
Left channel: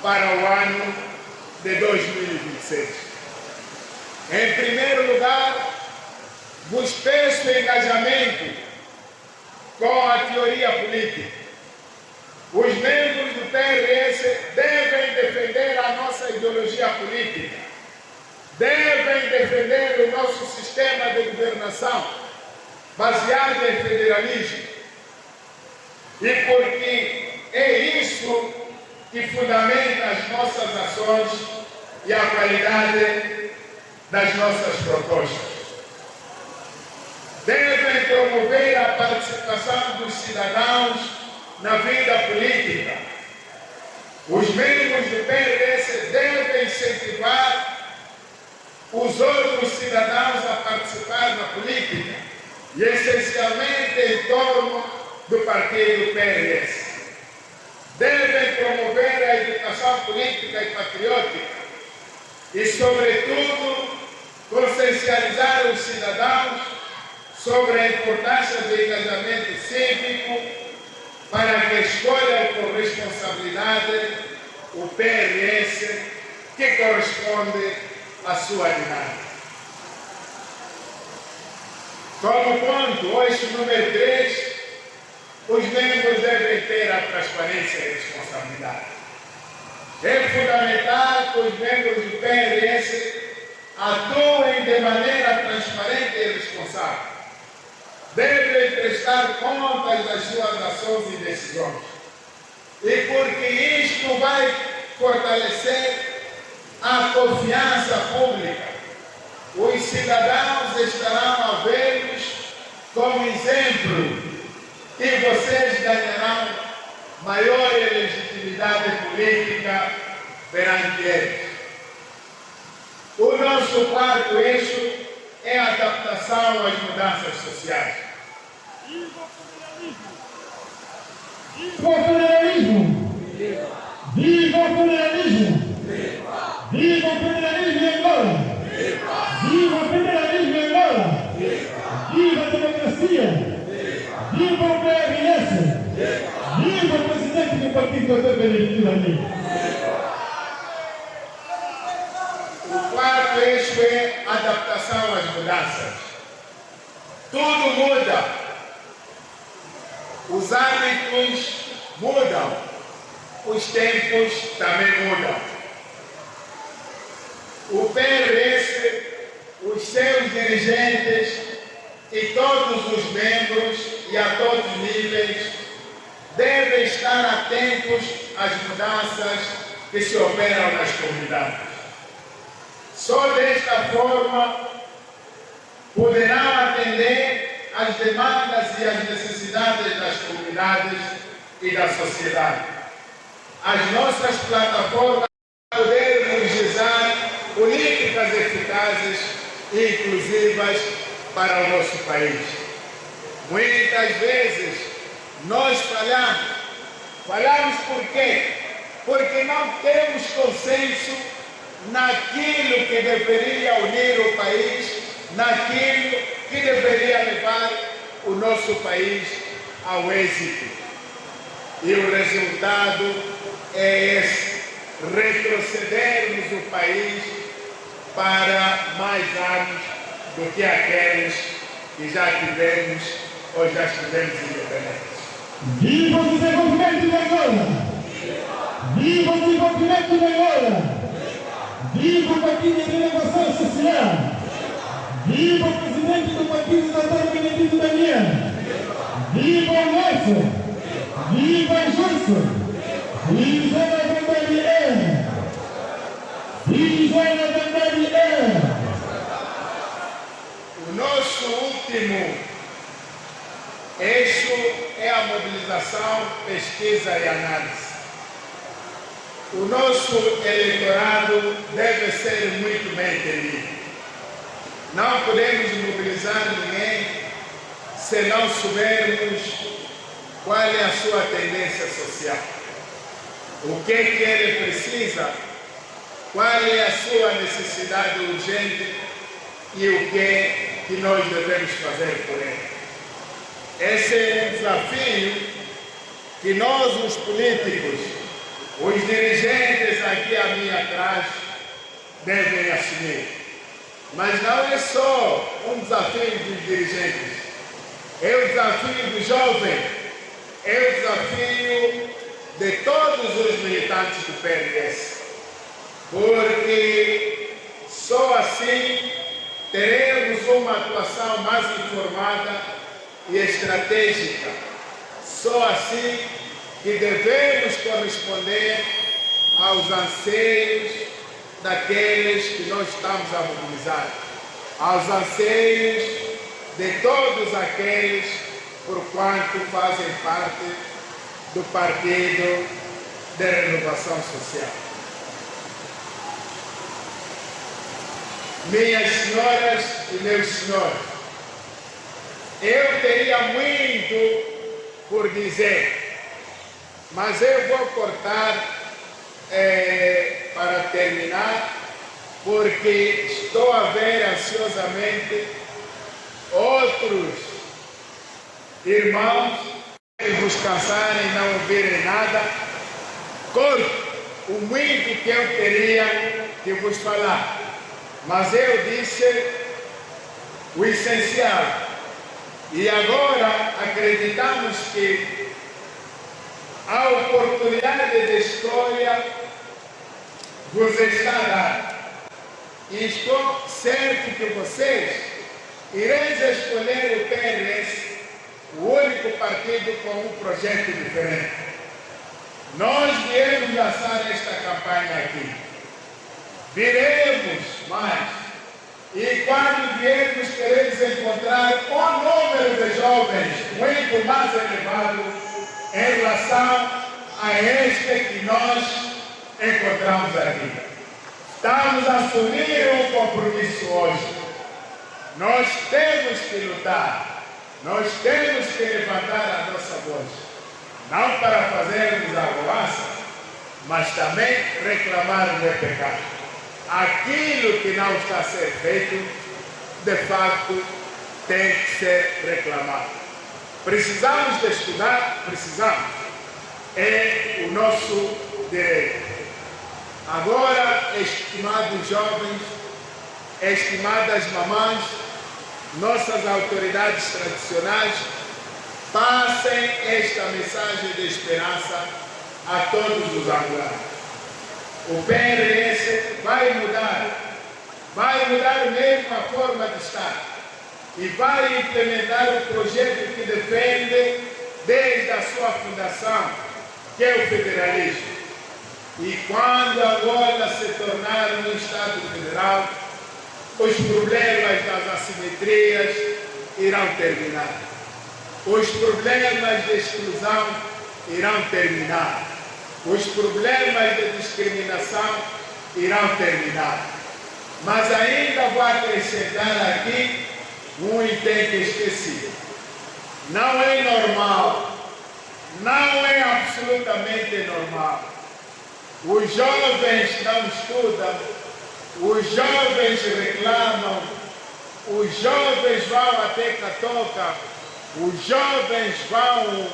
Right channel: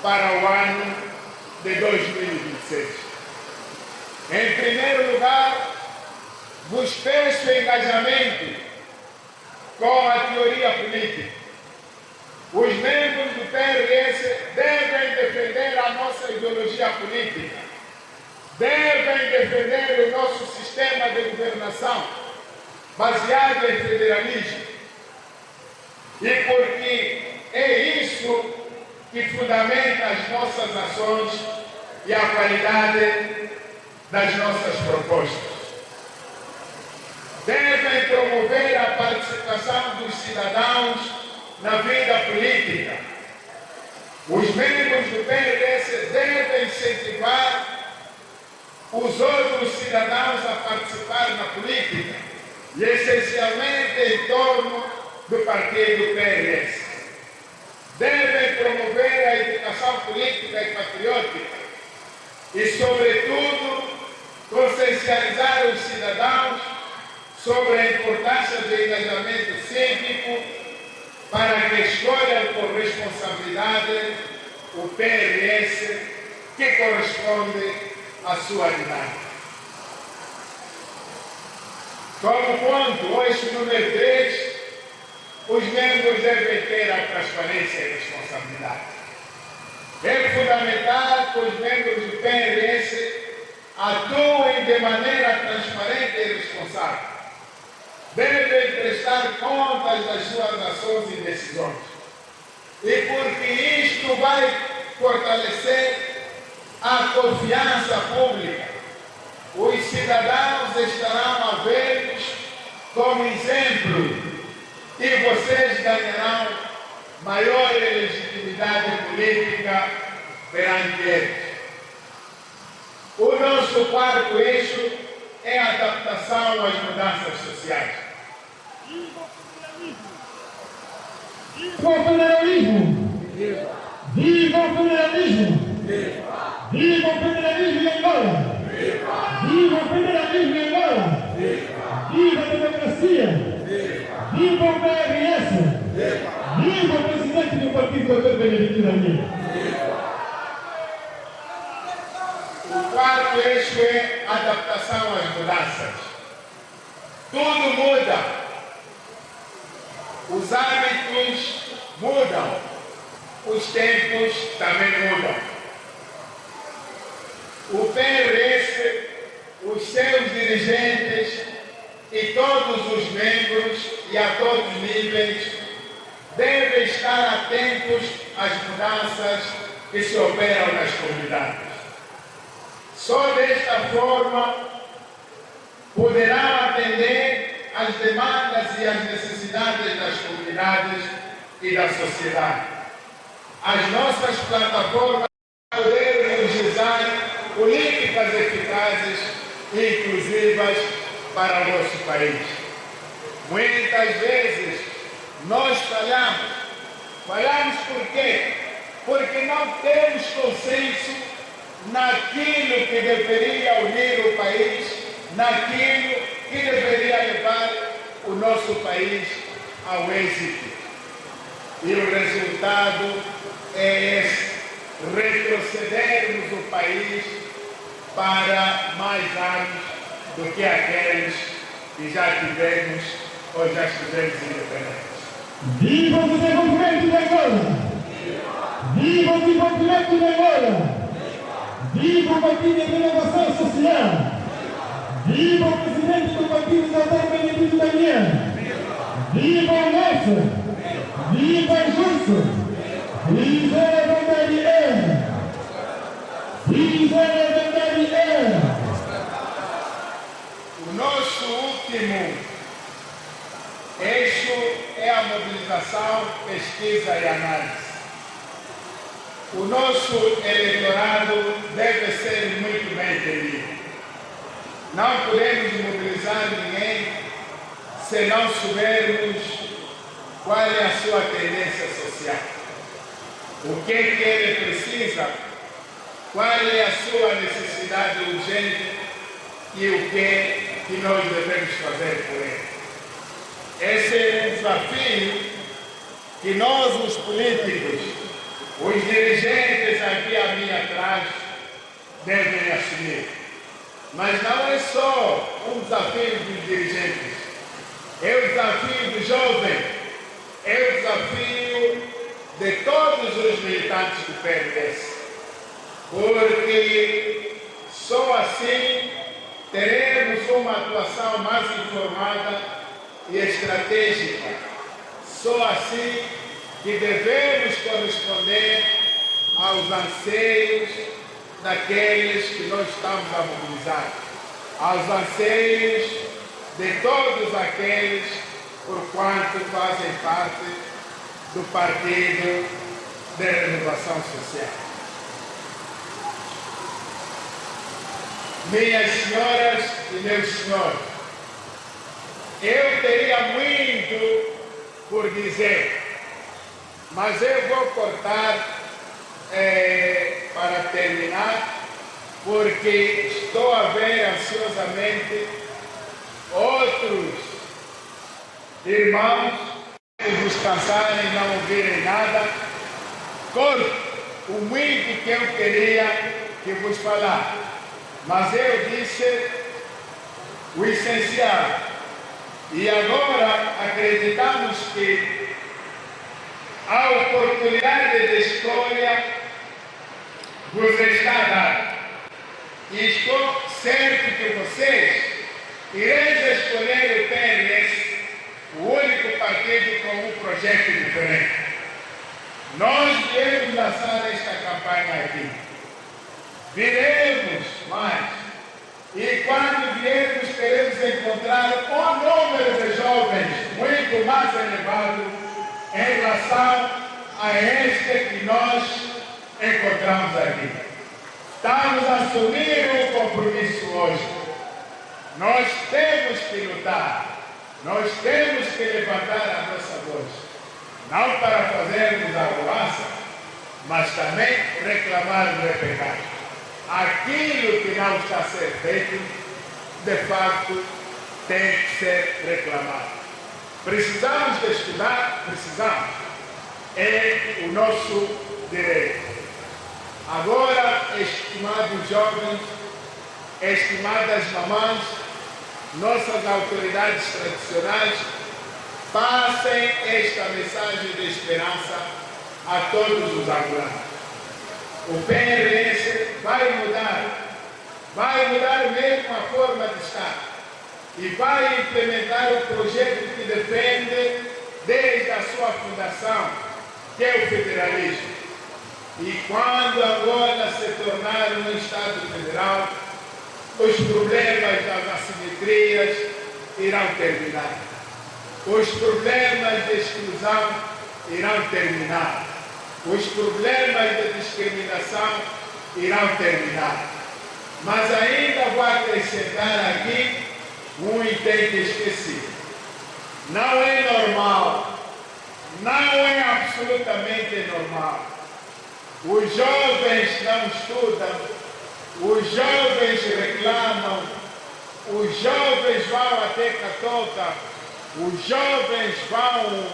para o ano de 2026. Em primeiro lugar, vos peço engajamento com a teoria política. Os membros do PRS devem defender a nossa ideologia política, devem defender o nosso sistema de governação baseado em federalismo. E porque é isso que fundamenta as nossas ações e a qualidade das nossas propostas. Devem promover a participação dos cidadãos na vida política. Os membros do PRS devem incentivar os outros cidadãos a participar na política, e essencialmente em torno do partido PRS. Devem promover a educação política e patriótica e, sobretudo, consciencializar os cidadãos sobre a importância do engajamento cívico para que escolham com responsabilidade o PRS que corresponde à sua idade. Como ponto, hoje número 3, os membros devem ter a transparência e responsabilidade. É fundamental que os membros do PRS atuem de maneira transparente e responsável. Devem prestar contas das suas ações e decisões. E porque isto vai fortalecer a confiança pública, os cidadãos estarão a ver-nos como exemplo e vocês ganharão maior legitimidade política perante eles. O nosso 4º eixo é a adaptação às mudanças sociais. Viva o federalismo! Viva o federalismo! Viva o federalismo em Angola! Viva o federalismo em Angola! Viva a democracia! Viva o PRS! Viva o presidente do partido, Dr. Benedito Amigo! O 4º eixo é a adaptação às mudanças. Tudo muda. Os hábitos mudam. Os tempos também mudam. O PRS, os seus dirigentes e todos os membros e a todos os níveis devem estar atentos às mudanças que se operam nas comunidades. Só desta forma poderão atender às demandas e às necessidades das comunidades e da sociedade. As nossas plataformas poderão realizar políticas eficazes e inclusivas para o nosso país. Muitas vezes nós falhamos. Falhamos por quê? Porque não temos consenso naquilo que deveria unir o país, naquilo que deveria levar o nosso país ao êxito. E o resultado é esse: retrocedermos o país para mais anos do que aqueles que já tivemos ou já estivemos independentes. Viva o desenvolvimento de Angola! Viva o desenvolvimento de Angola! Viva o Partido de Renovação Social! Viva o presidente do partido, Dr. Benedito Daniel! Viva o Nelson! Viva o Justo! Viva a verdade é! Viva a verdade é! O nosso último eixo é a mobilização, pesquisa e análise. O nosso eleitorado deve ser muito bem entendido. Não podemos mobilizar ninguém se não soubermos qual é a sua tendência social. O que ele precisa, qual é a sua necessidade urgente e o que nós devemos fazer por ele. Esse é um desafio que nós, os políticos, os dirigentes aqui à minha atrás, devem assumir. Mas não é só um desafio dos dirigentes, é o desafio do jovem, é o desafio de todos os militantes do PRS. Porque só assim teremos uma atuação mais informada e estratégica. Só assim que devemos corresponder aos anseios daqueles que nós estamos a mobilizar, aos anseios de todos aqueles por quanto fazem parte do Partido de Renovação Social. Minhas senhoras e meus senhores, eu teria muito por dizer, mas eu vou cortar para terminar, porque estou a ver ansiosamente outros irmãos que vos cansarem e não ouvirem nada. Corto o muito que eu queria que vos falar, mas eu disse o essencial. E agora acreditamos que a oportunidade de escolha vos está dada. E estou certo que vocês ireis escolher o PRS, o único partido com um projeto diferente. Nós viemos lançar esta campanha aqui. Viremos mais. E quando viermos, queremos encontrar um número de jovens muito mais elevado em relação a este que nós encontramos aqui. Estamos a assumir um compromisso hoje. Nós temos que lutar, nós temos que levantar a nossa voz, não para fazermos arruaça, mas também reclamar do pecado. Aquilo que não está a ser feito, de fato, tem que ser reclamado. Precisamos de estudar, precisamos. É o nosso direito. Agora, estimados jovens, estimadas mamães, nossas autoridades tradicionais, passem esta mensagem de esperança a todos os angolanos. O PRS vai mudar mesmo a forma de estar e vai implementar o projeto que defende desde a sua fundação, que é o federalismo. E quando Angola se tornar um Estado federal, os problemas das assimetrias irão terminar. Os problemas de exclusão irão terminar. Os problemas de discriminação irão terminar. Mas ainda vou acrescentar aqui um item esquecido. Não é normal, não é absolutamente normal. Os jovens não estudam, os jovens reclamam, os jovens vão até Catoca, os jovens vão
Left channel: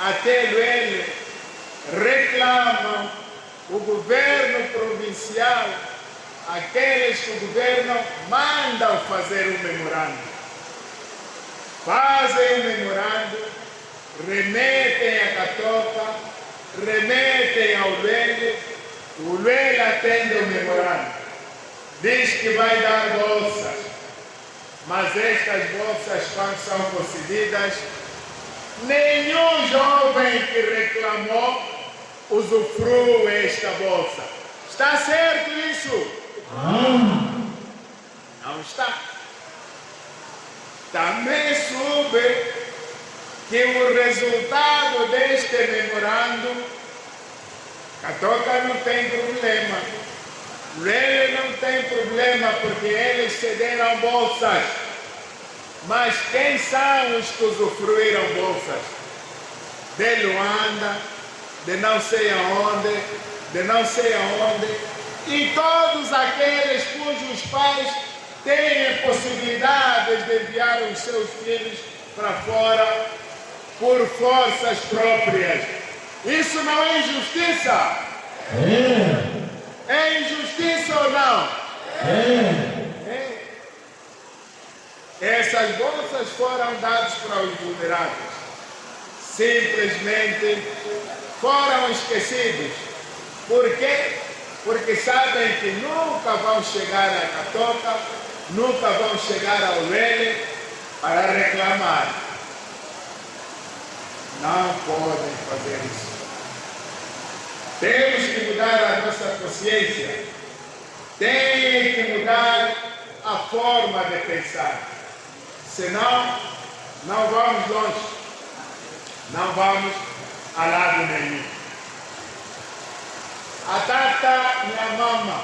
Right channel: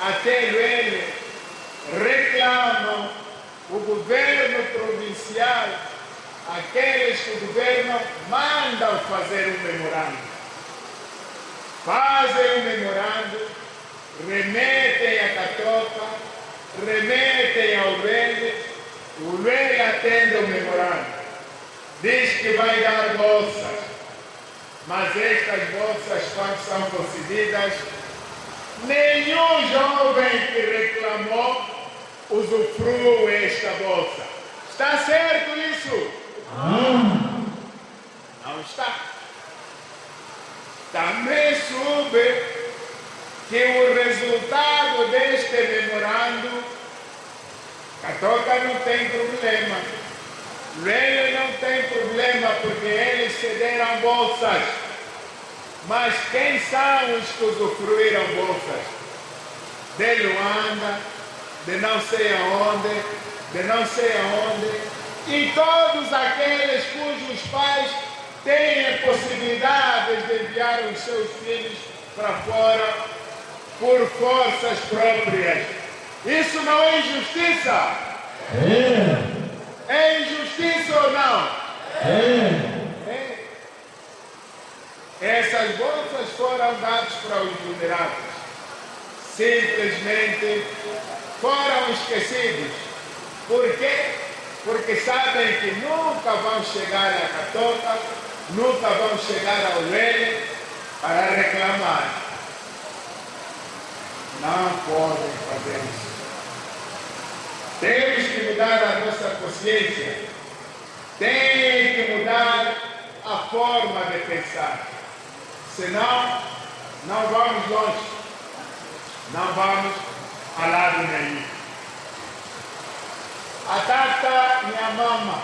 até Luele, reclamam o governo provincial, aqueles que o governo mandam fazer um memorando. Fazem um memorando, remetem a Catoca, remetem ao Luele, o Luele atende o memorando. Diz que vai dar bolsas, Mas estas bolsas, quando são concedidas, nenhum jovem que reclamou usufrui esta bolsa. Está certo isso? Não está. Também soube que o resultado deste memorando, Catoca não tem problema. Ele não tem problema porque eles cederam bolsas. Mas quem são os que usufruíram bolsas? De Luanda, de não sei aonde, e todos aqueles cujos pais têm possibilidades de enviar os seus filhos para fora por forças próprias. Isso não é injustiça? É injustiça ou não? Essas bolsas foram dadas para os vulneráveis. Simplesmente foram esquecidos. Por quê? Porque sabem que nunca vão chegar a Catoca, nunca vão chegar ao Lele para reclamar. Não podem fazer isso. Temos que mudar a nossa consciência. Tem que mudar a forma de pensar. Senão, não vamos longe. Não vamos a lado nenhum. A tata, minha mama,